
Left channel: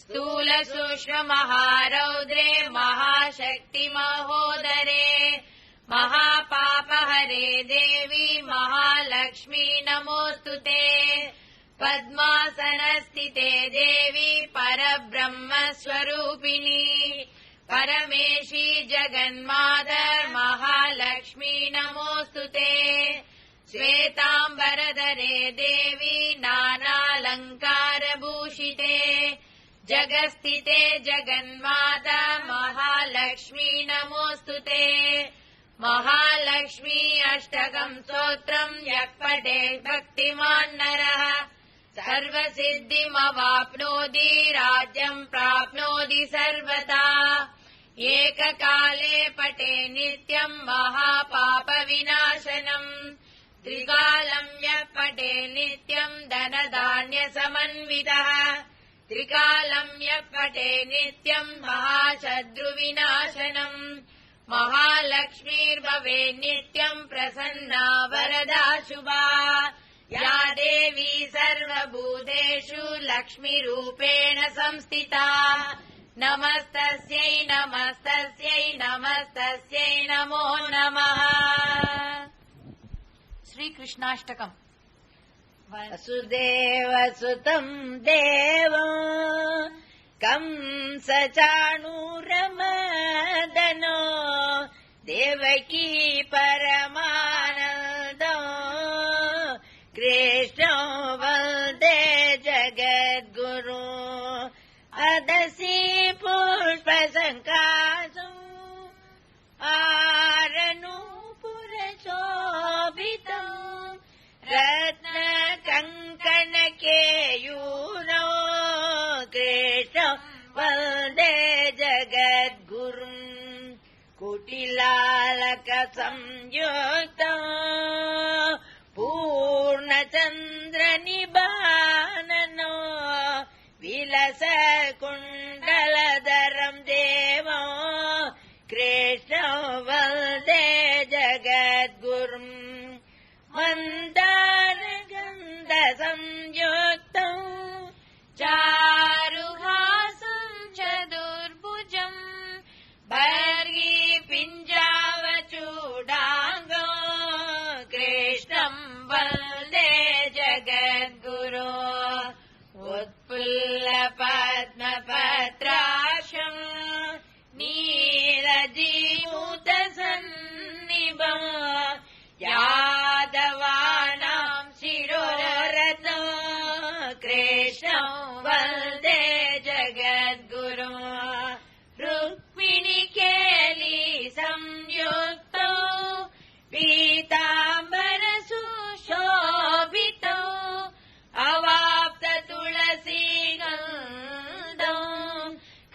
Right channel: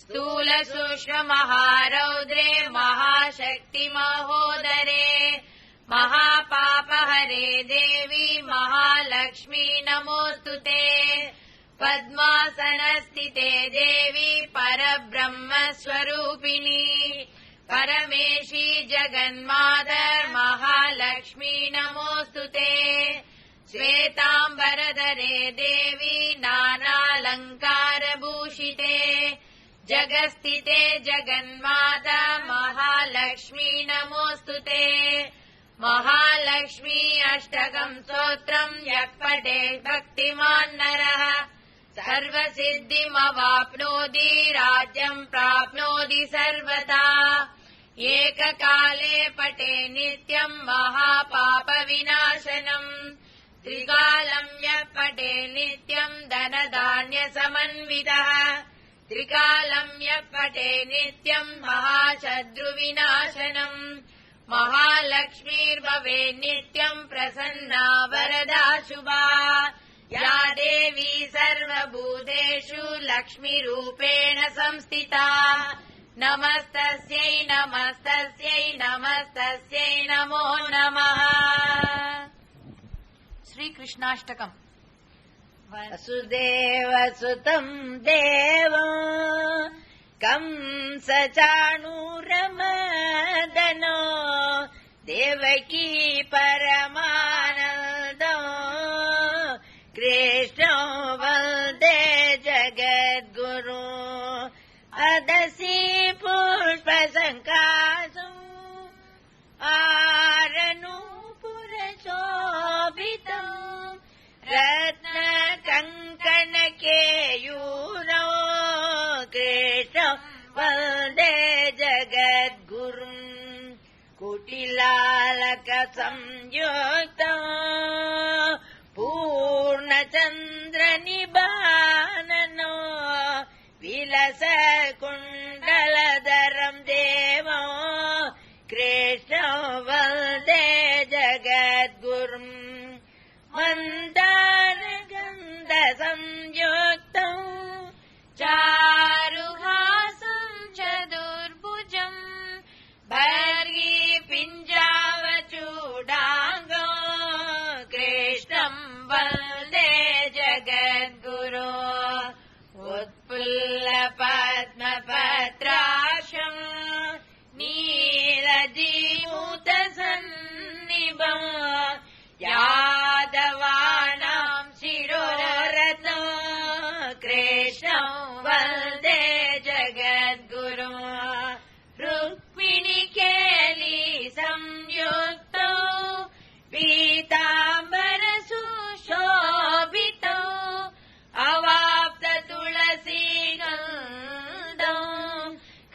स्थूल सूक्ष्म महारौद्रे महाशक्ति महोदरे महापापहरे देवी महालक्ष्मी नमोस्तुते पद्मासनस्थिते देवी परब्रह्मस्वरूपिणी परमेशी जगन्माता महालक्ष्मी नमोस्तुते श्वेताम्बरधरे देवी नानालङ्कारभूषिते जगस्थिते जगन्माता महालक्ष्मी नमोस्तुते महालक्ष्मी अष्टकं स्तोत्रं यः पठेत् भक्तिमान् नरः सर्वसिद्धिमवाप्नोति राज्यं प्राप्नोति सर्वदा एककाले पठे नित्यं महापापविनाशनम् त्रिकालं यः पठे नित्यं धनधान्यसमन्वितः त्रिकालं यः पठे नित्यं महाशत्रुविनाशनम् महालक्ष्मीर्भवे नित्यं प्रसन्ना वरदा शुभा या देवी सर्वभूतेषु लक्ष्मीरूपेण संस्थिता नमस्तस्यै नमस्तस्यै नमस्तस्यै नमो नमः। श्रीकृष्णाष्टकम्। वसुदेवसुतं देवं कंसचाणूरमर्दनो देवकी परमानन्दो कृष्णो वन्दे जगद्गुरु अदसि पुष्पसङ्काशम् आरनूपुरशोभितम् रत्नकङ्कणकेयूरो कृष्णो वन्दे जगद्गुरुम् कुटिलालकसंयुक्तम् पूर्णचन्द्रनिबाननो विलसकुण्डलधरम् देवो कृष्णो वन्दे जगद्गुरुम् मन्दारगन्धसंयुक्तम् चारुहासं चतुर्भुजम् भर्गिपिञ्जावचूडाङ्गो कृष्णं वन्दे जगद्गुरो उत्फुल्लपद्मपत्राशम् नीलजीमूतसन्निभम् यादवानां शिरोरथो कृष्णं वन्दे जगद्गुरो रुक्मिणीकेली संयुक्तो पीताम्बरसुशोभितो अवाप्ततुलसीगन्धो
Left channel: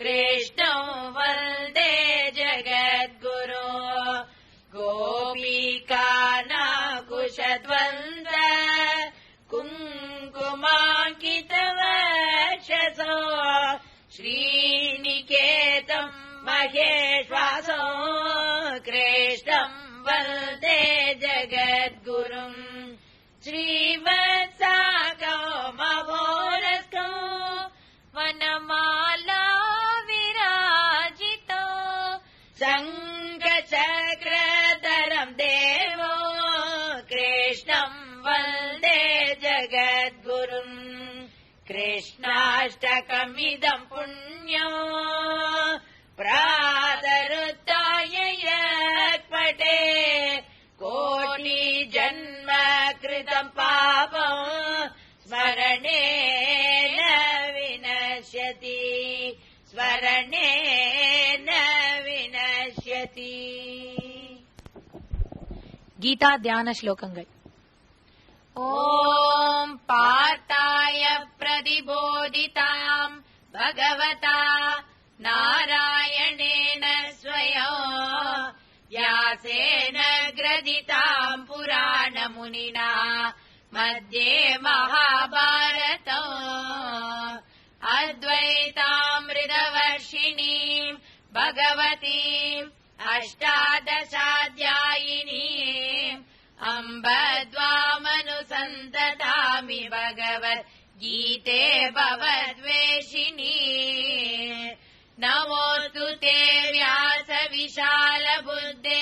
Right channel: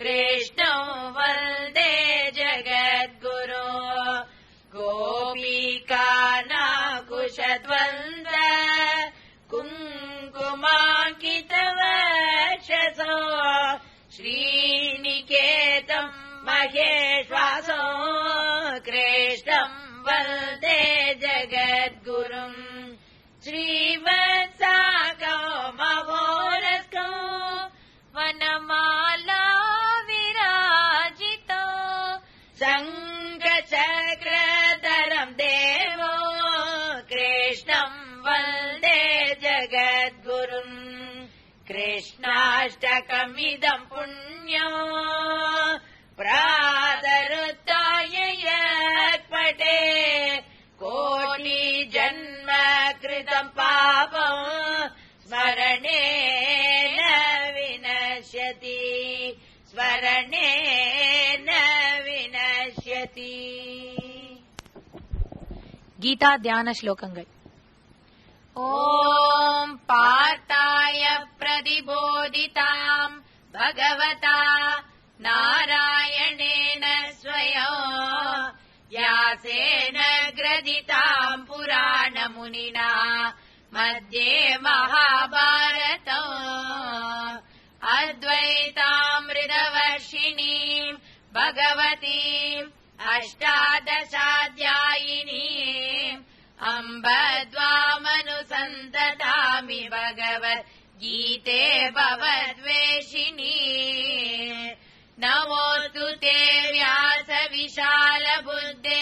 कृष्णो वन्दे जगद्गुरो गोपिकानाकुशद्वन्द्व कुङ्कुमाङ्कितवक्षसो श्रीनिकेतं महेश्वासो कृष्णं वन्दे जगद्गुरुम् श्रीवत्साको मवोरस्को वनमाला विराजितो शङ्खचक्रधरं देवो कृष्णं वन्दे जगद्गुरुम् कृष्णाष्टकमिदं पुण्यो प्रातरुत्थाय यत्पठे कोटिजन्म कृतं पापं स्मरणेन विनश्यति स्मरणेन विनश्यति। गीता ध्यान श्लोकங்கள்। ॐ पार्थाय प्रतिबोधितां भगवता नारायणेन स्वयं व्यासेन ग्रथिताम् पुराणमुनिना मध्ये महाभारतम् अद्वैतामृतवर्षिणीम् भगवतीम् अष्टादशाध्यायिनीम् अम्ब द्वामनुसन्ततामि भगवद्गीते भवद्वेषिणी। नमोऽस्तु ते व्यास विशालबुद्धे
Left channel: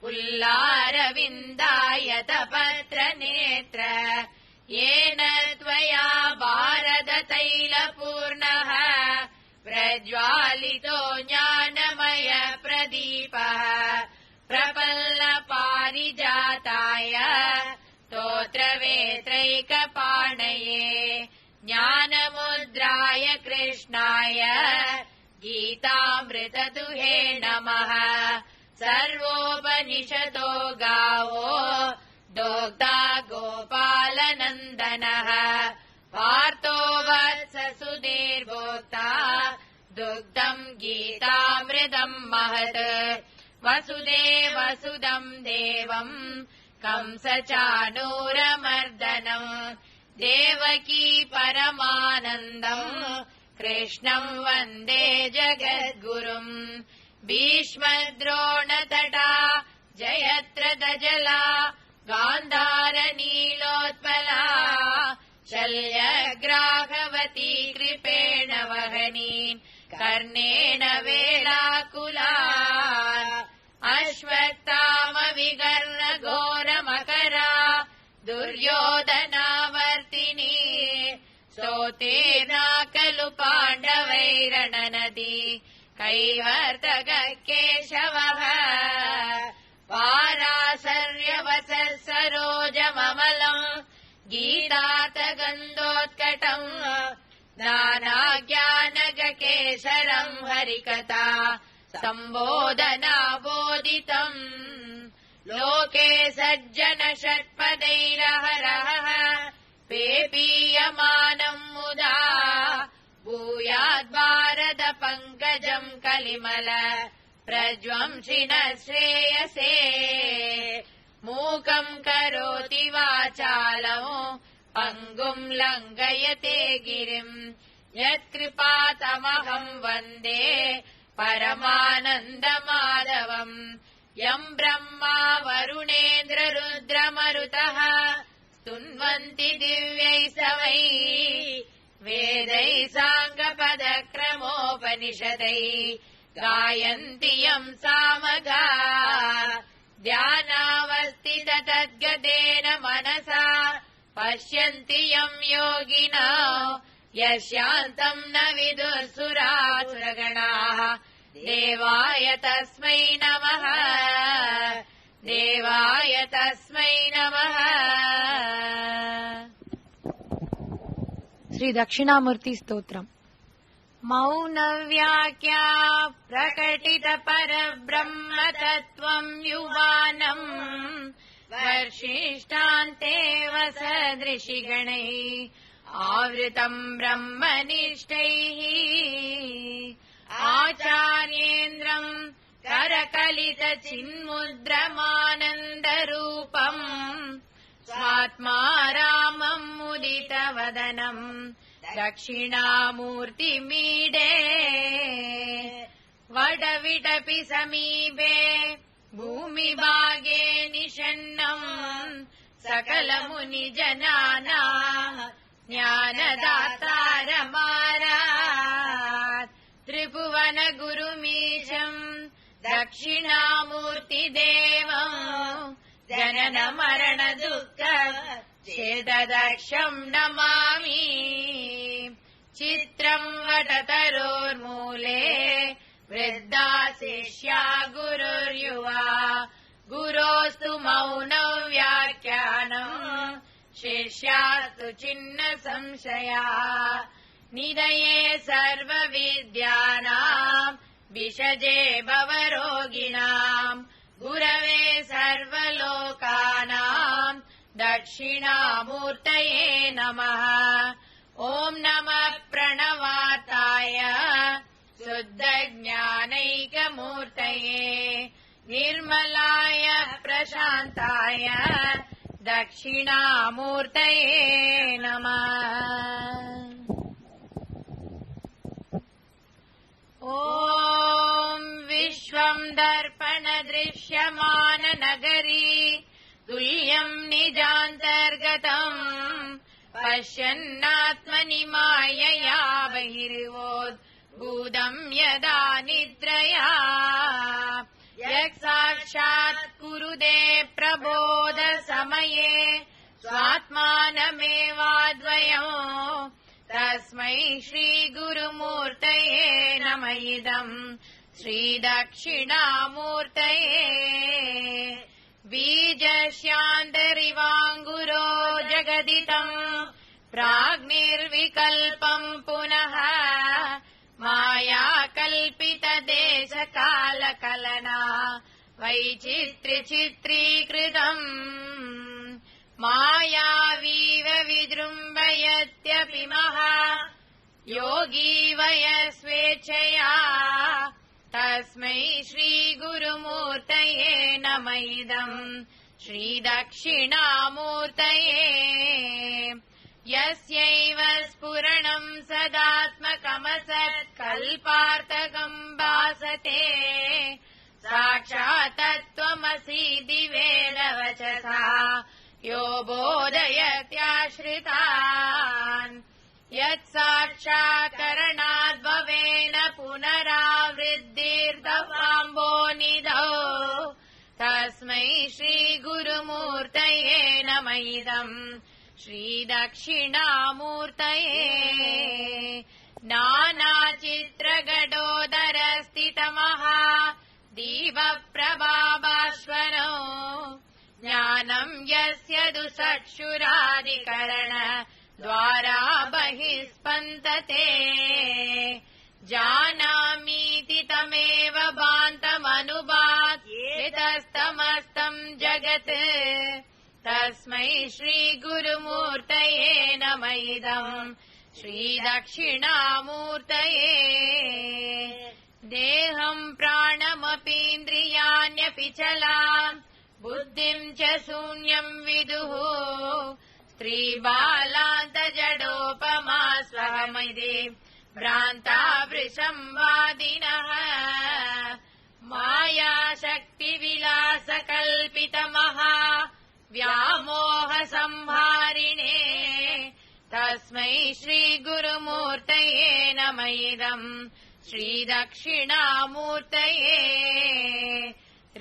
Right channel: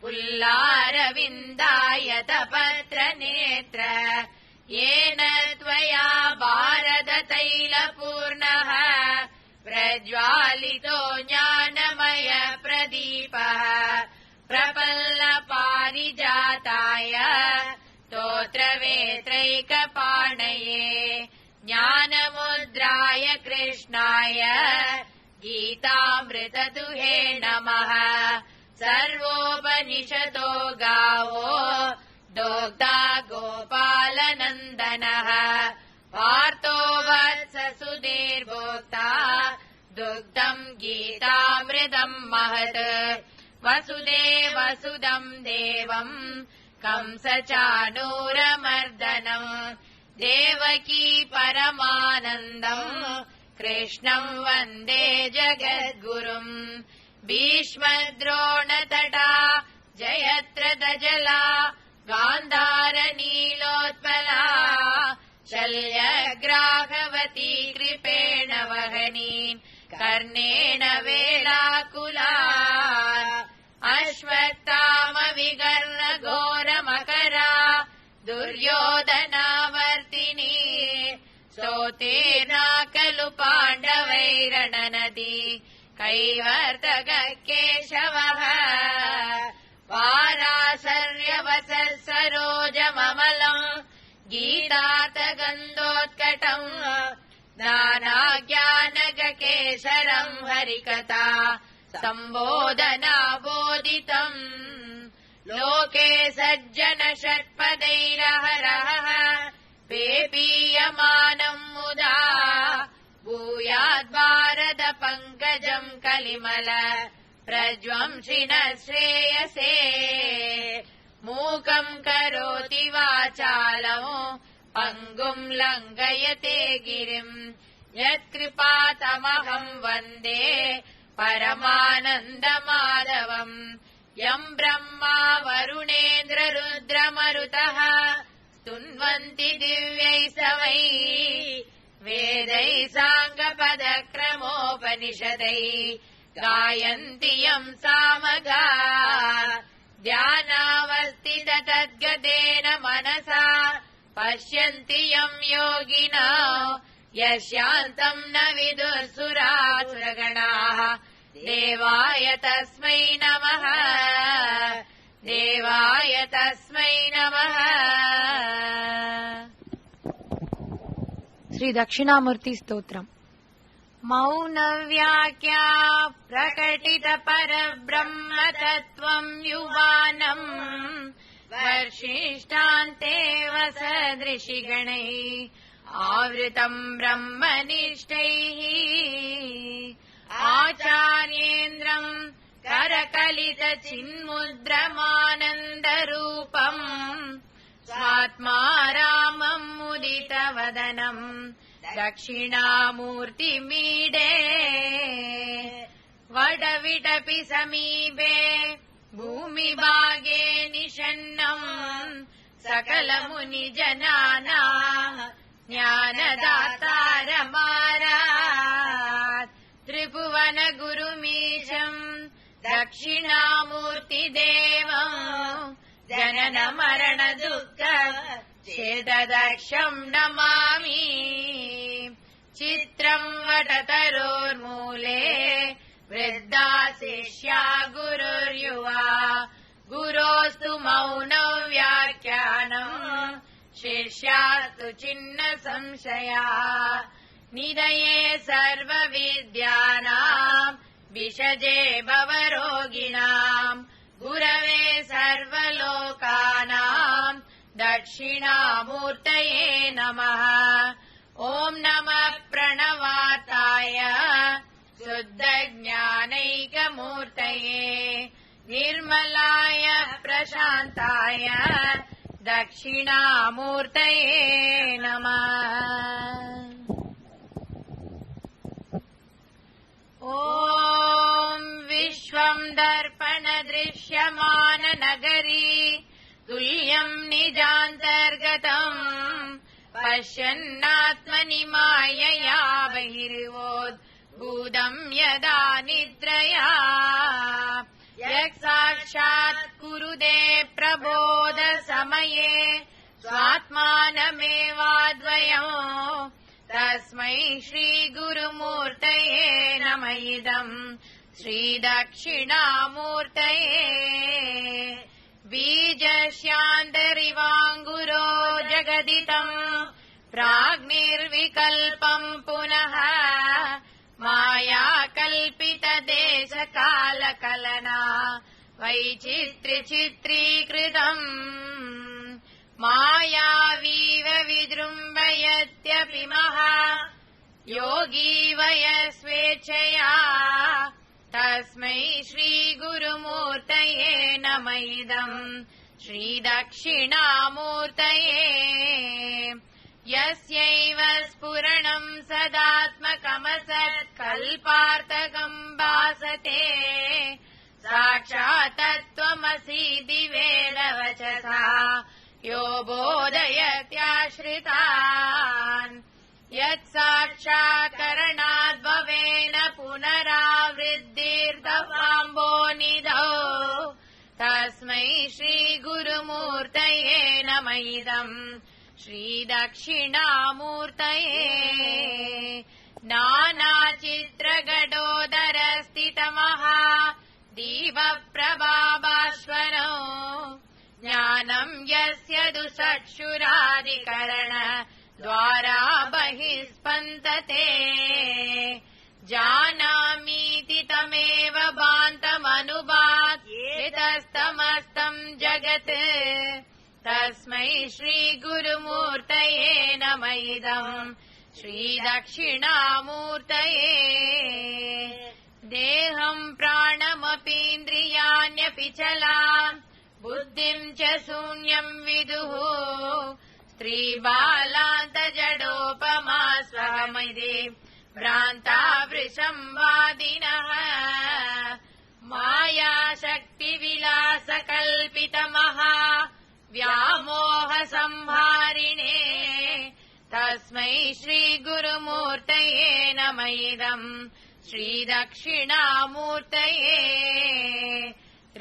पुल्लारविन्दायतपत्रनेत्र येन त्वया भारततैलपूर्णः प्रज्वालितो ज्ञानमय प्रदीपः प्रपल्लपारिजाताय स्तोत्रवेत्रैकपाणये ज्ञानमुद्राय कृष्णाय गीतामृतदुहे नमः। सर्वोपनिषदो गावो दोग्धा गोपालनन्दनः पार्थो वत्ससुधीर्भोक्ता दुग्धम् गीतामृतम् महत्। वसुदेवसुदम् देवम् कंसचाणूरमर्दनम् देवकी परमानन्दम् कृष्णम् वन्दे जगद्गुरुम्। भीष्मद्रोणतटा जयत्रदजला गान्धारनीलोत्पला शल्यग्राहवती कृपेण वहनी कर्णेन वेलाकुला अश्वत्थामविगर्वघोरमकरा दुर्योधनावर्तिनी सोतीर्णा खलु पाण्डवैरणनदी कैवर्तककेशवः पाराशर्यवसः सरोजममलम् गीतातगन्धोत्कटम् नानाज्ञानगकेशरम् हरिकथा सम्बोधनाबोधितम्। लोके सज्जन षट्पदैरहरः पेपीयमानम् मुदा भूयाद्भारत पङ्कजम् कलिमल प्रज्वंसिनः श्रेयसे। मूकम् करोति वाचालम् पङ्गुम् लङ्घयते गिरिम् यत्कृपातमहम् वन्दे परमानन्दमाधवम्। यम् ब्रह्मा वरुणेन्द्ररुद्रमरुतः स्तुन्वन्ति दिव्यैस्तवैः वेदैः साङ्गपदक्रमोपनिषदैः गायन्ति यम् सामगाः। ध्यानावस्थिततद्गतेन मनसा पश्यन्ति यम् योगिना यस्यान्तम् न विदुर्सुरासुरगणाः। देवाय तस्मै नमः देवाय तस्मै नमः। శ్రీ దక్షిణామూర్తి స్తోత్రం. मौनव्याख्या प्रकटित परब्रह्मतत्त्वम् युवानम् वर्षिष्टान्तेव सदृशिगणैः आवृतम् ब्रह्मनिष्ठैः। आचार्येन्द्रम् करकलितचिन्मुद्रमानन्दरूपम् स्वात्मा रामम् मुदितवदनम् दक्षिणामूर्तिमीडे। वडविटपि समीपे भूमिभागे निषन्नम् सकलमुनिजनानाम् ज्ञानदातारमारात्। त्रिभुवन गुरुमीशम् दक्षिणामूर्तिदेवम् जनन मरण दुःख छेददर्शम् नमामि। चित्रम् वटतरोर्मूले वृद्धा शिष्या गुरुर्युवा गुरोस्तु मौनं व्याख्यानम् शिष्यास्तु छिन्न संशया। निधये सर्वविद्यानाम् विषजे भवरोगिणाम् गुरवे सर्वलोकानाम् दक्षिणामूर्तये नमः। ॐ नमः प्रणवाताय शुद्धज्ञानैकमूर्तये निर्मलाय प्रशान्ताय दक्षिणामूर्तये नमः। ॐ विश्वं दर्पणदृश्यमाननगरी तुल्यं निजान्तर्गतम् पश्यन्नात्मनि मायया बहिर्वोद्भूतं यदा निद्रया यत्साक्षात् कुरुते प्रबोधसमये स्वात्मानमेवाद्वयम् तस्मै श्रीगुरुमूर्तये नमः इदम् श्रीदक्षिणामूर्तये। बीजस्यान्तरिवाङ्गुरो जगदिदम् प्राग्निर्विकल्पम् पुनः मायाकल्पितदेशकालकलना वैचित्र्यचित्रीकृतम् मायावीव विजृम्भयत्यपि महा योगी वयस्वेच्छया तस्मै श्रीगुरुमूर्तये नमः इदम् श्रीदक्षिणामूर्तये। यस्यैव स्फुरणम् सदात्मकमसत्कल्पार्थकम् भासते साक्षात् तत्त्वमसीति वेदवचसा यो बोधयत्याश्रितान् यत्साक्षात्करणाद् भवेन पुनरावृद्धिर्भवाम्भोनिधौ तस्मै श्रीगुरुमूर्तये नमः इदम् श्रीदक्षिणामूर्तये। नानाचित्रगदोदरस्थितमः दीपप्रभाभास्वरो ज्ञानं यस्य दुःचक्षुरादिकरण द्वारा बहिस्पन्दते जानामीति तमेव भान्तमनुभात्यतस्तमस्तं जगते तस्मै श्रीगुरुमूर्तये नमः इदम् श्रीदक्षिणामूर्तये। देहं प्राणमपीन्द्रियाण्यपि चलाम् बुद्धिं च शून्यं विदुः स्त्रीबालान्तजडोपमा स्वमयि भ्रान्ता वृषंवादिनः मायाशक्तिविलासकल्पितमः व्यामोहसंहारिणे तस्मै श्रीगुरुमूर्तये नमः इदम् श्रीदक्षिणामूर्तये।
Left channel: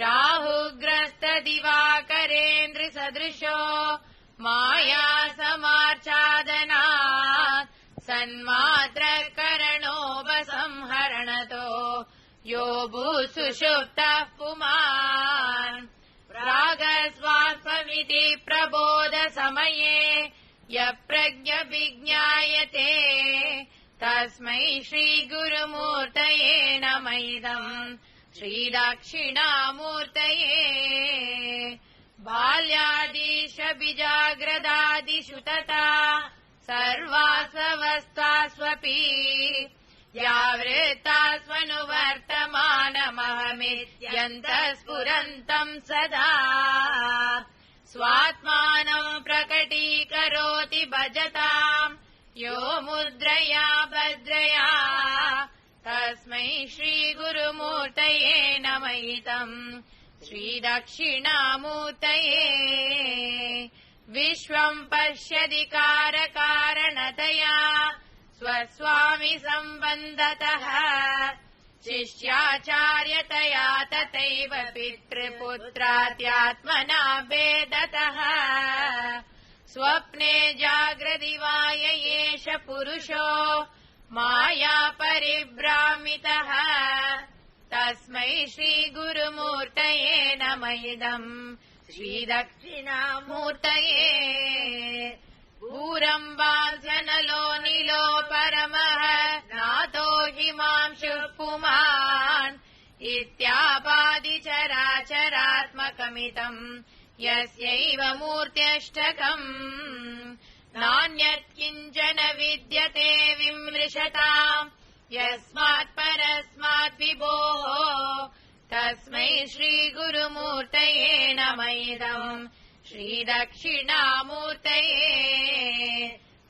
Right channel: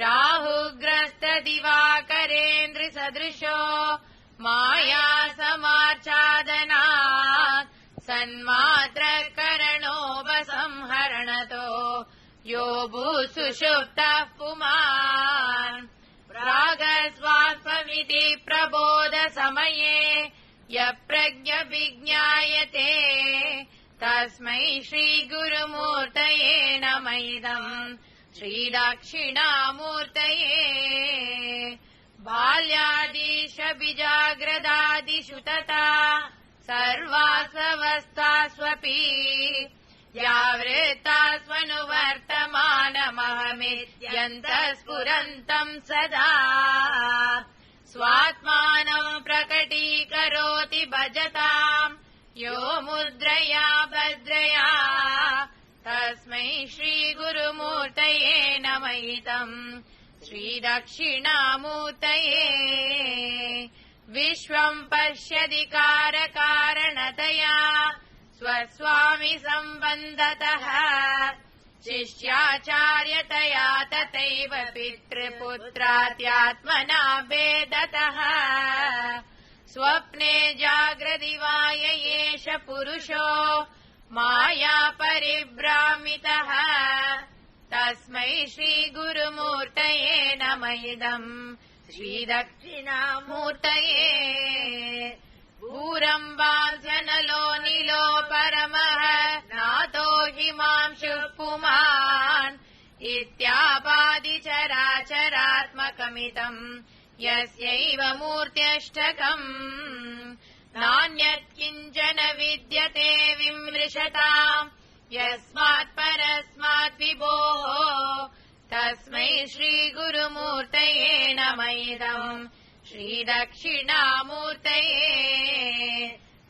राहुग्रस्तदिवाकरेन्द्रसदृशो मायासमाच्छादनात् सन्मात्रकरणोपसंहरणतो यो भूसुषुप्तः पुमान् प्रागस्वात्मविति प्रबोधसमये यप्रज्ञविज्ञायते तस्मै श्रीगुरुमूर्तये नमः इदम् श्रीदक्षिणामूर्तये। बाल्यादिशबिजाग्रदादिषु तथा सर्वास्वस्थास्वपि जावृतास्वनुवर्तमानमहमित्यन्तः सदा स्वात्मानं प्रकटीकरोति भजताम् यो मुद्रया भद्रया तस्मै श्रीगुरुमूर्तये नमः इदम् श्रीदक्षिणामूर्तये। विश्वं पश्यति कारकारणतया स्वस्वामि सम्बन्धतः शिष्याचार्यतया तथैव पितृपुत्रात्यात्मना भेदतः स्वप्ने जाग्रति वा एष पुरुषो माया परिभ्रामितः तस्मै श्रीगुरुमूर्तये नमः इदम् श्रीदक्षिणामूर्तये। भूरम्बासनलो निलो परमः नातो हिमांशुः पुमान् इत्यापादिचराचरात्मकमिदम् यस्यैव मूर्त्यष्टकम् नान्यत् किञ्चन विद्यते विमृशताम् यस्मात् परस्मात् विभोः तस्मै श्रीगुरुमूर्तये नमैदम् श्रीदक्षिणामूर्तये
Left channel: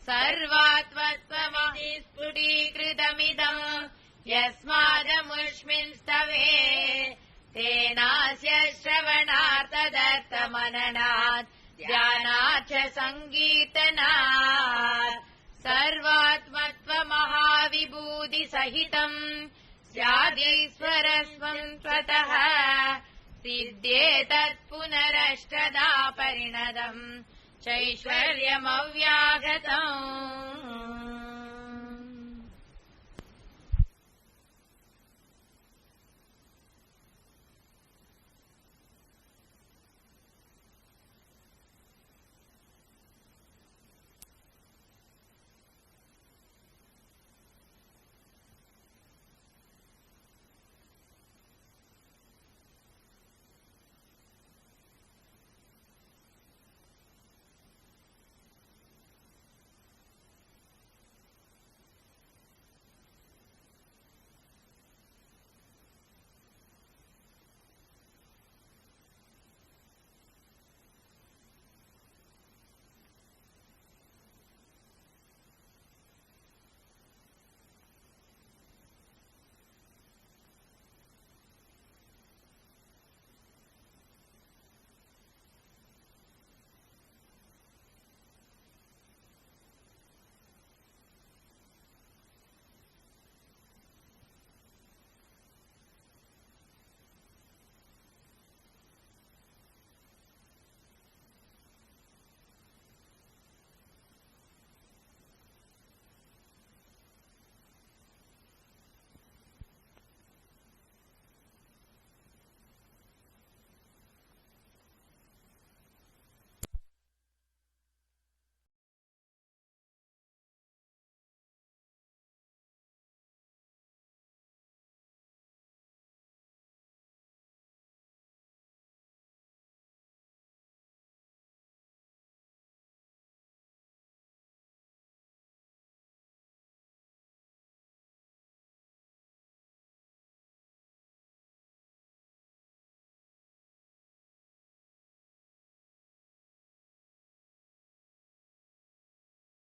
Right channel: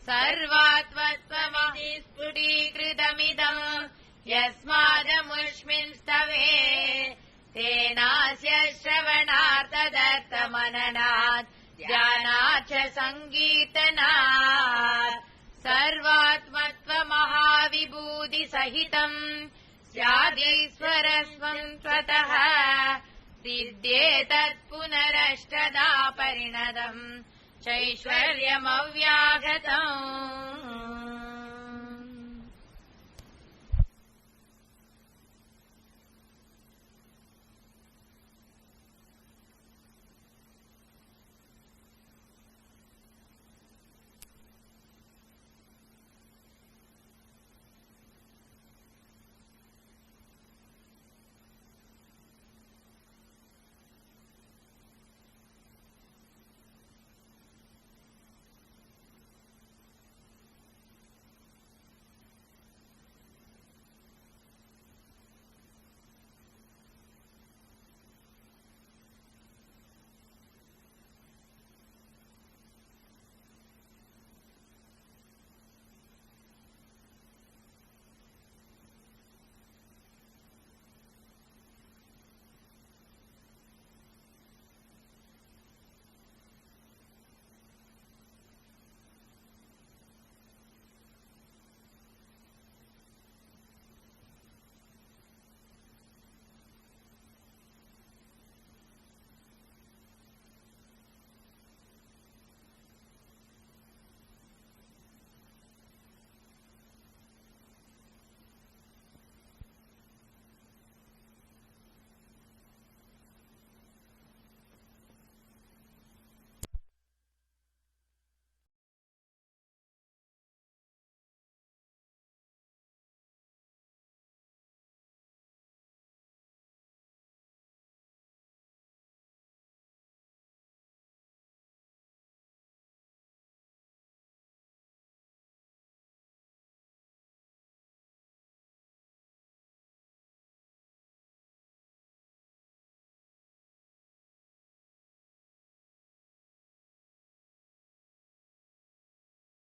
सर्वात्मत्वमहिस्फुटीकृतमिदम् यस्मादमुष्मिंस्तवे तेनास्य श्रवणात् ध्यानात् च सङ्गीतनात् सर्वात्मत्वमहाविभूतिसहितम् स्यादीश्वरस्वम् स्वतः सिद्धेतत् पुनरष्टदा परिणतम् चैश्वर्यमव्याहतम्।